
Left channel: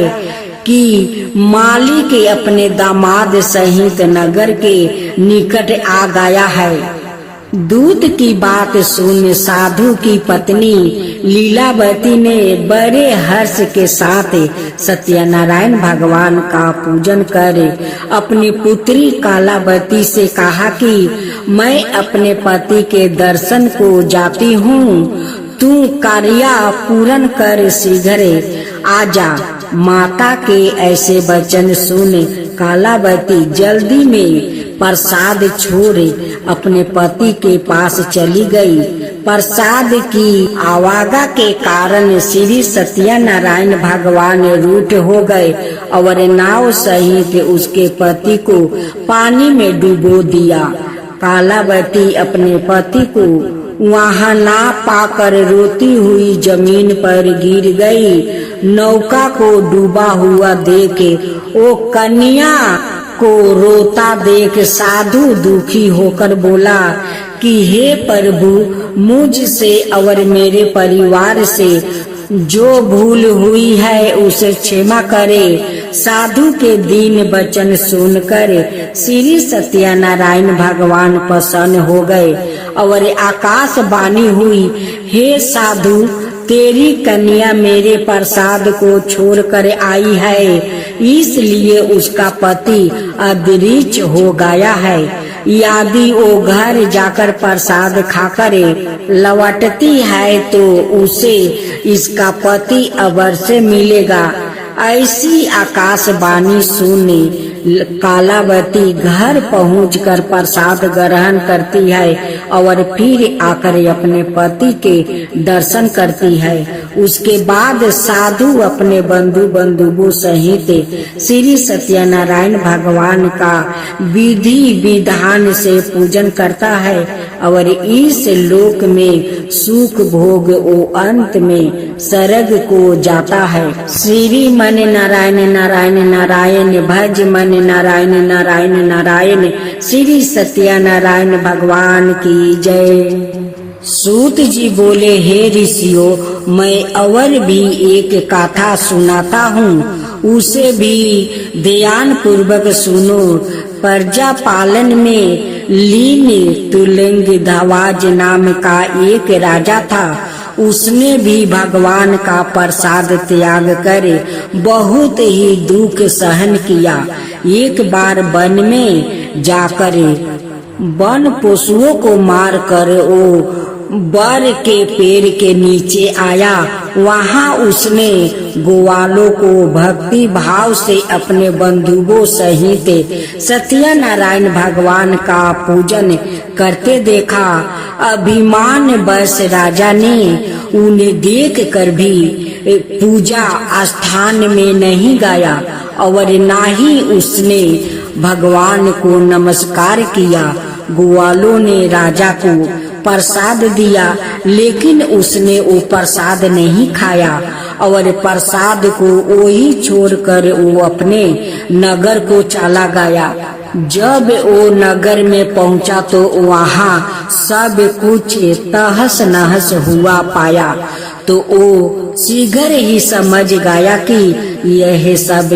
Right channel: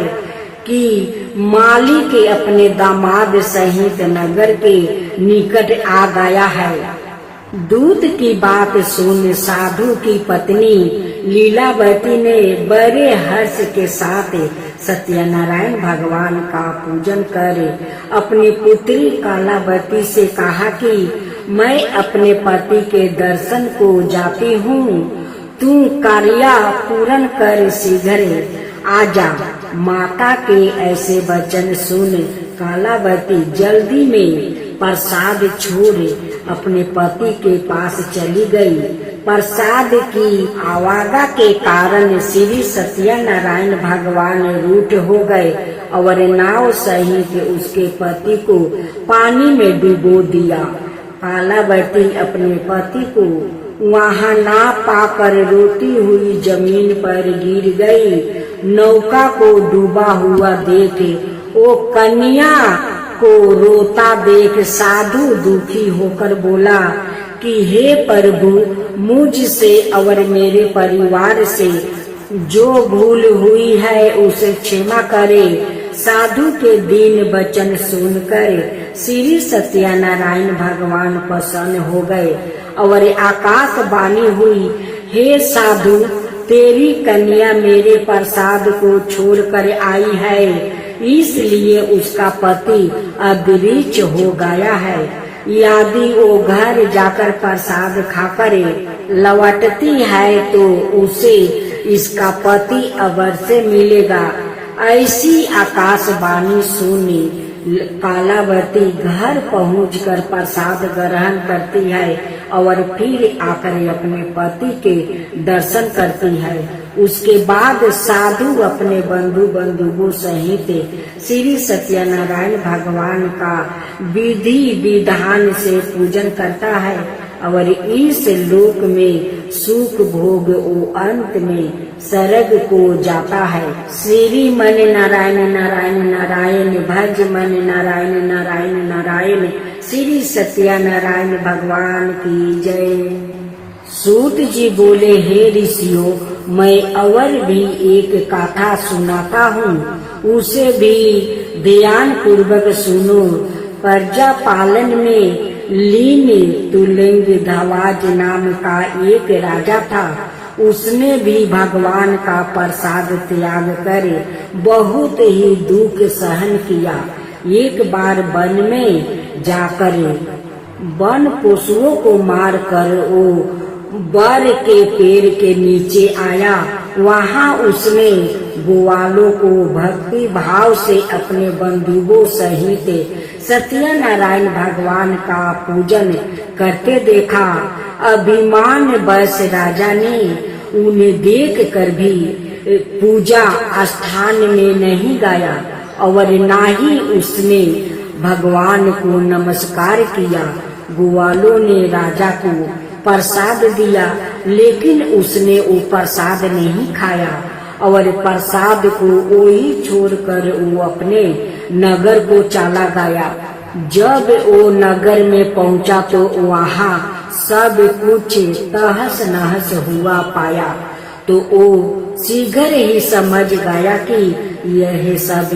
कि मालिक अपने दामाद सहित नगर के निकट आ गया है। दूत की बात सुन साधु की पत्नी लीलावती ने बड़े हर्ष के साथ सत्यनारायण भगवान का पूजन कर अपनी पुत्री कालावती से कहा कि मैं अपने पति के दर्शन को जाती हूँ, तू कार्य पूर्ण कर शीघ्र आजा। माता के ऐसे वचन सुन कालावती जल्दी में प्रसाद छोड़ अपने पति के पास चली गई। प्रसाद की आवागा के कारण श्री सत्यनारायण भगवान रूठ हो गए और नाव सहित उसके पति को पानी में डुबो दिया। कालावती अपने पति को वहाँ ना पाकर रोती हुई जमीन पर गिर गई। नौका को डूबा हुआ देख वो कन्या को रोता देख साधु दुखी होकर बोला कि हे प्रभु, मुझसे और मेरे परिवार से जो भूल हुई है उसे क्षमा करे। साधु के दीन वचन सुनकर श्री सत्यनारायण भगवान प्रसन्न हो गए और आकाशवाणी हुई, हे साधु, तेरी कन्या मेरे प्रसाद को छोड़कर आई है, इसलिए उसका पति अदृश्य हो गया है। यदि वो घर जाकर प्रसाद खाकर लौटती है तो उसे इसका पति अवश्य मिलेगा। ऐसी आकाशवाणी सुनी कालावती घर पहुंचकर प्रसाद ग्रहण करती है और फिर आकर अपने पति के दर्शन करती है। उसके बाद साधु अपने बंधुओं सहित श्री सत्यनारायण भगवान का विधि विधान से पूजन करता है और इस लोक में सुख भोग वो अंत में स्वर्ग को जाता है। श्री मन नारायण नारायण नारायण भज मन नारायण नारायण नारायण। श्री सत्यनारायण भगवान की जय। सूत जी बोले, हे ऋषियों, मैं और भी एक कथा सुनाता हूँ, उसे भी ध्यान पूर्वक सुनो। प्रजा पालन में लीन तुलिंग धवाज नाम का एक राजा था। उसने भी भगवान का प्रसाद त्याग कर बहुत ही दुख सहन किया। एक बार वन में जाकर वन पशुओं को मार कर वो बर के पेड़ के नीचे आया। वहाँ उसने ग्वालों को भक्ति भाव से अपने बंधुओं सहित सत्यनारायण भगवान का पूजन करते देखा। अभिमान बस राजा ने उन्हें देख कर भी पूजा स्थान में नहीं गया और ना ही उसने भगवान को नमस्कार किया। ग्वालों ने राजा को प्रसाद दिया, लेकिन उसने वो प्रसाद नहीं खाया और प्रसाद को वही छोड़कर वो अपने नगर को चला गया। जब वो नगर में पहुंचा तो वहाँ सब कुछ तहस नहस हुआ पाया तो वो शीघ्र ही समझ गया कि यह सब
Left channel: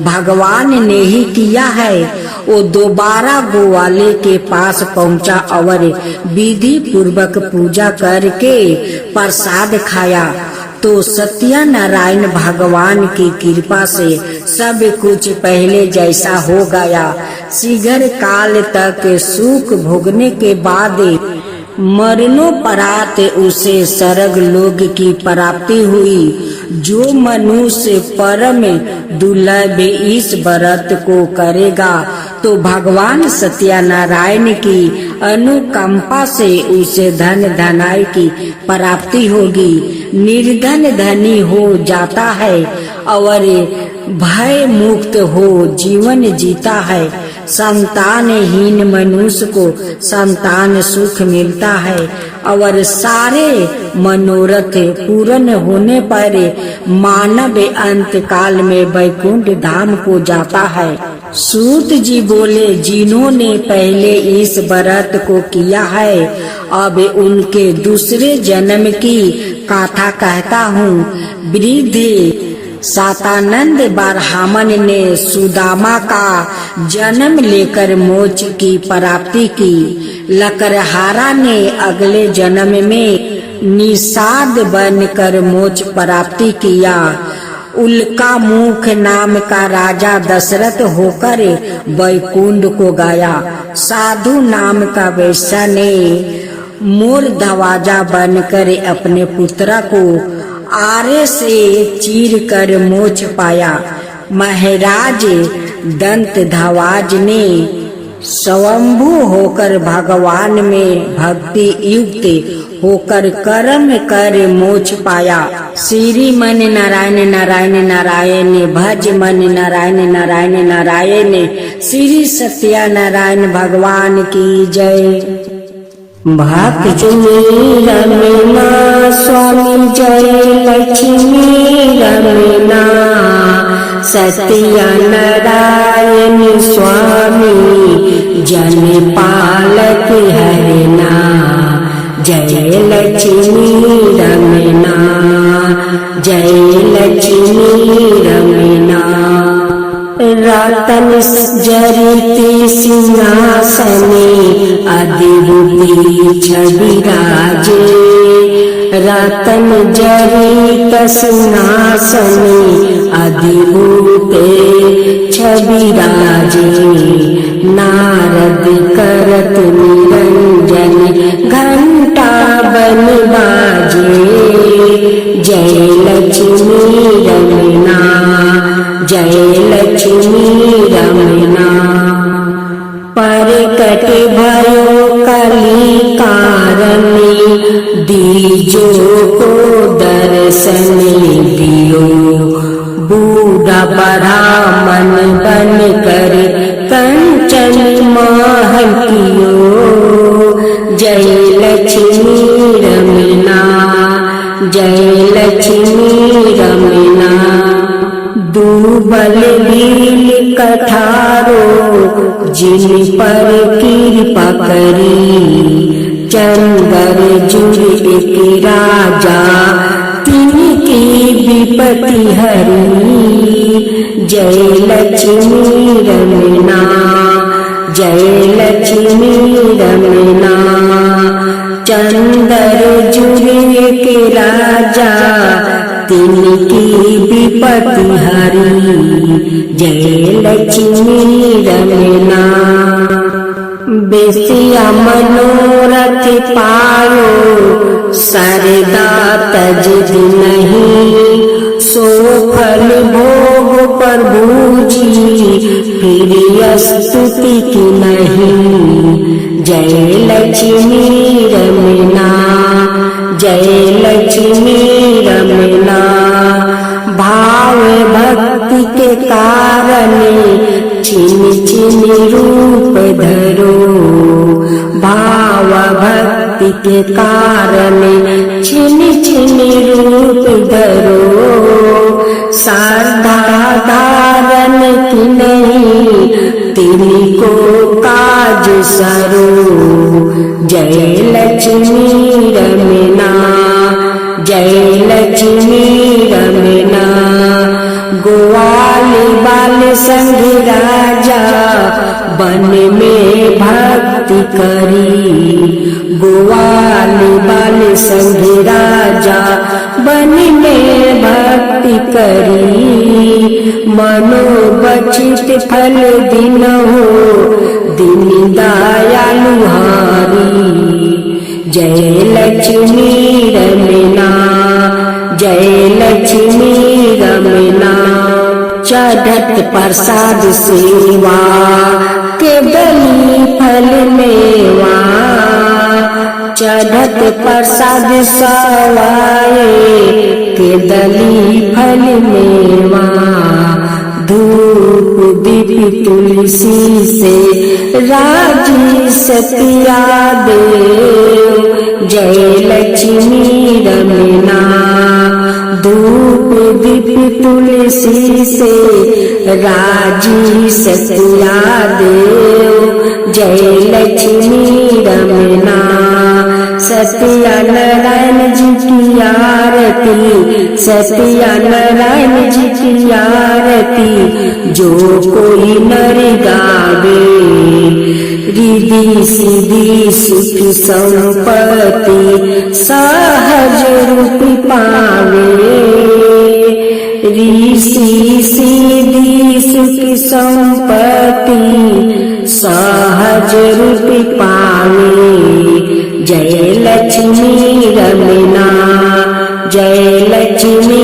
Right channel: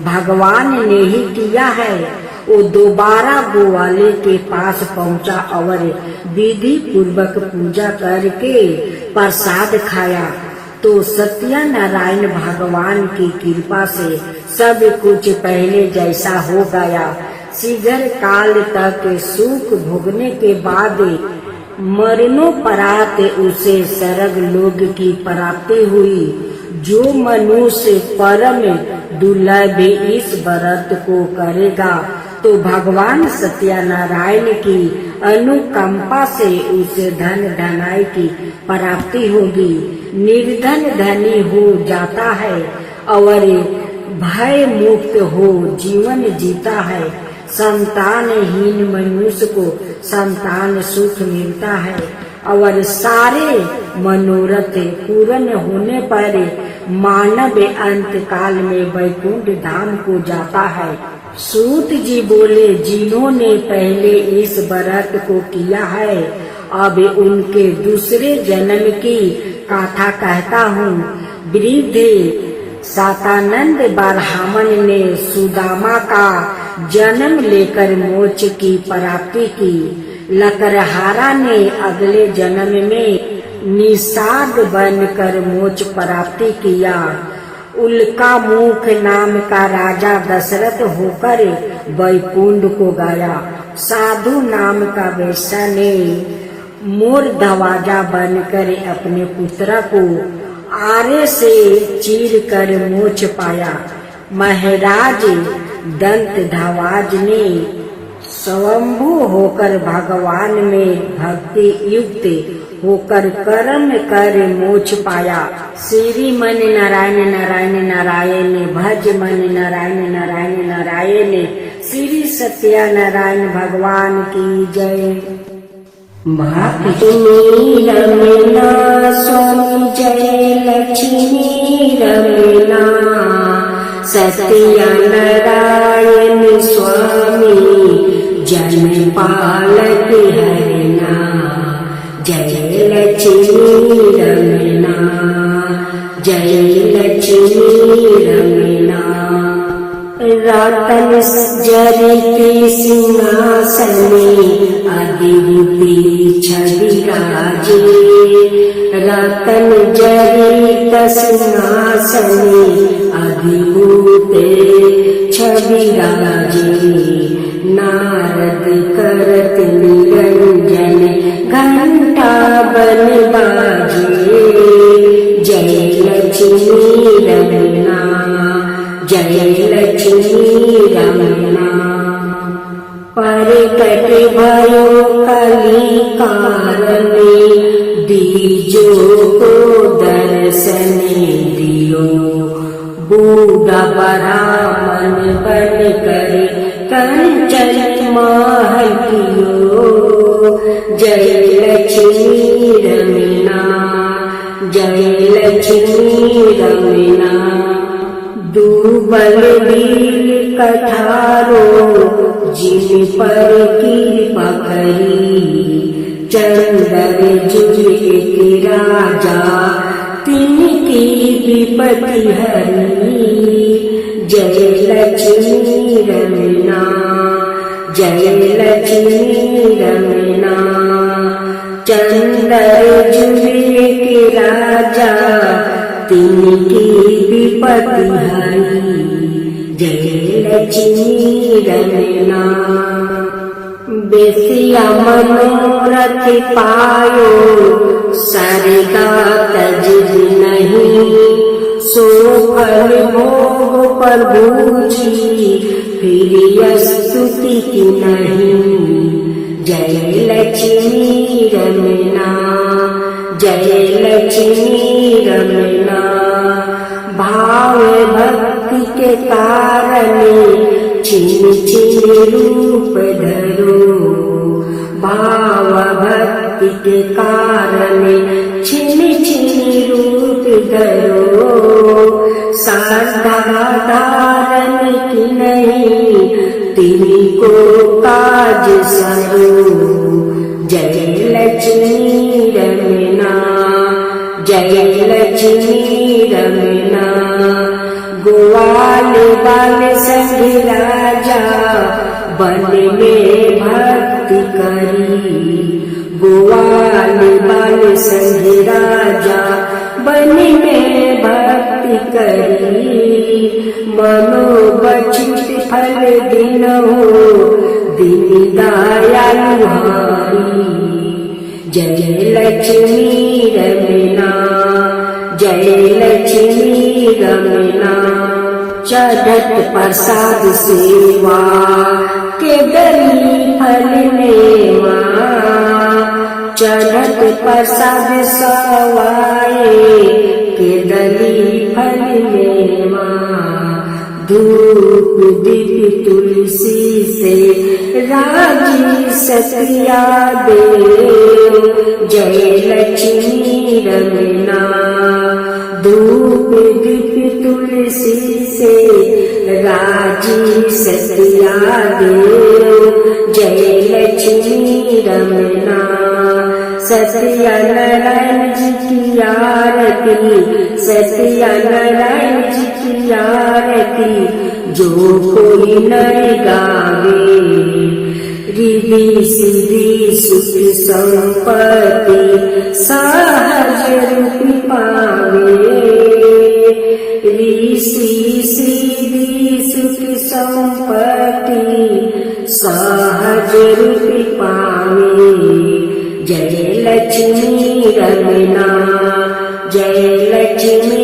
भगवान ने ही किया है। वो दोबारा ग्वाले के पास पहुंचा और विधि पूर्वक पूजा करके प्रसाद खाया तो सत्यनारायण भगवान की कृपा से सब कुछ पहले जैसा हो गया। शीघ्र काल तक सुख भोगने के बाद मरणोपरांत उसे स्वर्ग लोक की प्राप्ति हुई। जो मनुष्य परम दुर्लभ इस व्रत को करेगा तो भगवान सत्यनारायण की अनुकंपा से उसे धन धनाई की प्राप्ति होगी। निर्धन धनी हो जाता है और भय मुक्त हो जीवन जीता है। संतानहीन मनुष्य को संतान सुख मिलता है और सारे मनोरथ पूर्ण होने पर मानव अंत काल में वैकुंठ धाम को जाता है। सूत जी बोले, जिन्होंने पहले इस व्रत को किया है अब उनके दूसरे जन्म की कथा कहता हूँ। वृद्ध सातानंद ब्राह्मण ने सुदामा का जन्म लेकर मोक्ष की प्राप्ति की। लकड़हारा ने अगले जन्म में निषाद बनकर मोक्ष प्राप्ति किया। उल्का मुख नाम का राजा दशरथ होकर वैकुंठ को गया। साधु नाम का वैश्य ने मोर दरवाजा बनकर अपने पुत्र को आरे से चीर कर मोक्ष पाया। महाराज दंत धवाज ने स्वयंभू होकर भगवान में भक्ति युक्त होकर कर्म कर मोक्ष पाया। श्री मन नारायण नारायण नारायण भज मन नारायण नारायण नारायण। श्री सत्यनारायण भगवान की जय। भक्त रमना स्वामी जय लक्ष्मी रमना। सत्यनारायण स्वामी जन पालक हरना। जय लक्ष्मी रमना जय लक्ष्मी रमना। रतन जरित सिंहासने अधिरूपी छवि राजे। रतन जरित सिंहासने अधिरूपे छवि राजे। नारद करत निरंजन घंटा बन बाजे। जय लक्ष्मी रमना जय लक्ष्मी रमना। परकट भयो कली कारणी दीजो को दर्शन दियो। बूढ़ा ब्राह्मण बन कर कंचन महल कियो। जय लक्ष्मी रमना जय लक्ष्मी रमना। दुबल भील कठारो जिन पर कृपा करी। चंदर जुड़ एक राजा तिनकी विपत्ति हरी। जय लक्ष्मी रमना जय लक्ष्मी रमना। चंदर जुड़ एक राजा तिनकी विपत्ति हरी। जय लक्ष्मी रमना। बेसिया मनोरथ पायो सरदा तज नहीं। सो फल भोग प्रभु जी फिर स्तुति की नहीं। जय लक्ष्मी रमना जय लक्ष्मी रमना। भाव भक्ति के कारण छिन छिन रूप धरो। भाव भक्ति के कारण छिन छिन रूप धरो। श्रद्धा धारण की नहीं तिनको काज सरो। जय लक्ष्मी रमना जय लक्ष्मी रमना। ग्वाल बाल संग राजा बन में भक्ति करी। ग्वाल बाल संग राजा बन में भक्ति करी। मनोबचित फल दिन हो दिन दयालु हारी। जय लक्ष्मी रमना जय लक्ष्मी रमना। चढ़त प्रसाद सेवा के बलि फल मेवा। के प्रसाद सवाए के दली फल मेवा धूप दीप तुलसी से राजी सतिया देव जय लक्ष्मी रमना धूप दीप तुलसी से राजी सतिया देव जय लक्ष्मी रमना सत्या नारायण जी की आरती सत्या नारायण जी की आरती जो कोई नर गावे रिद्धि सिद्धि सुख संपत्ति सहज रूप पावे ऋषि सिद्धि सुख संपत्ति सहज रूप पावे जय लक्ष्मी रमना जय लक्ष्मी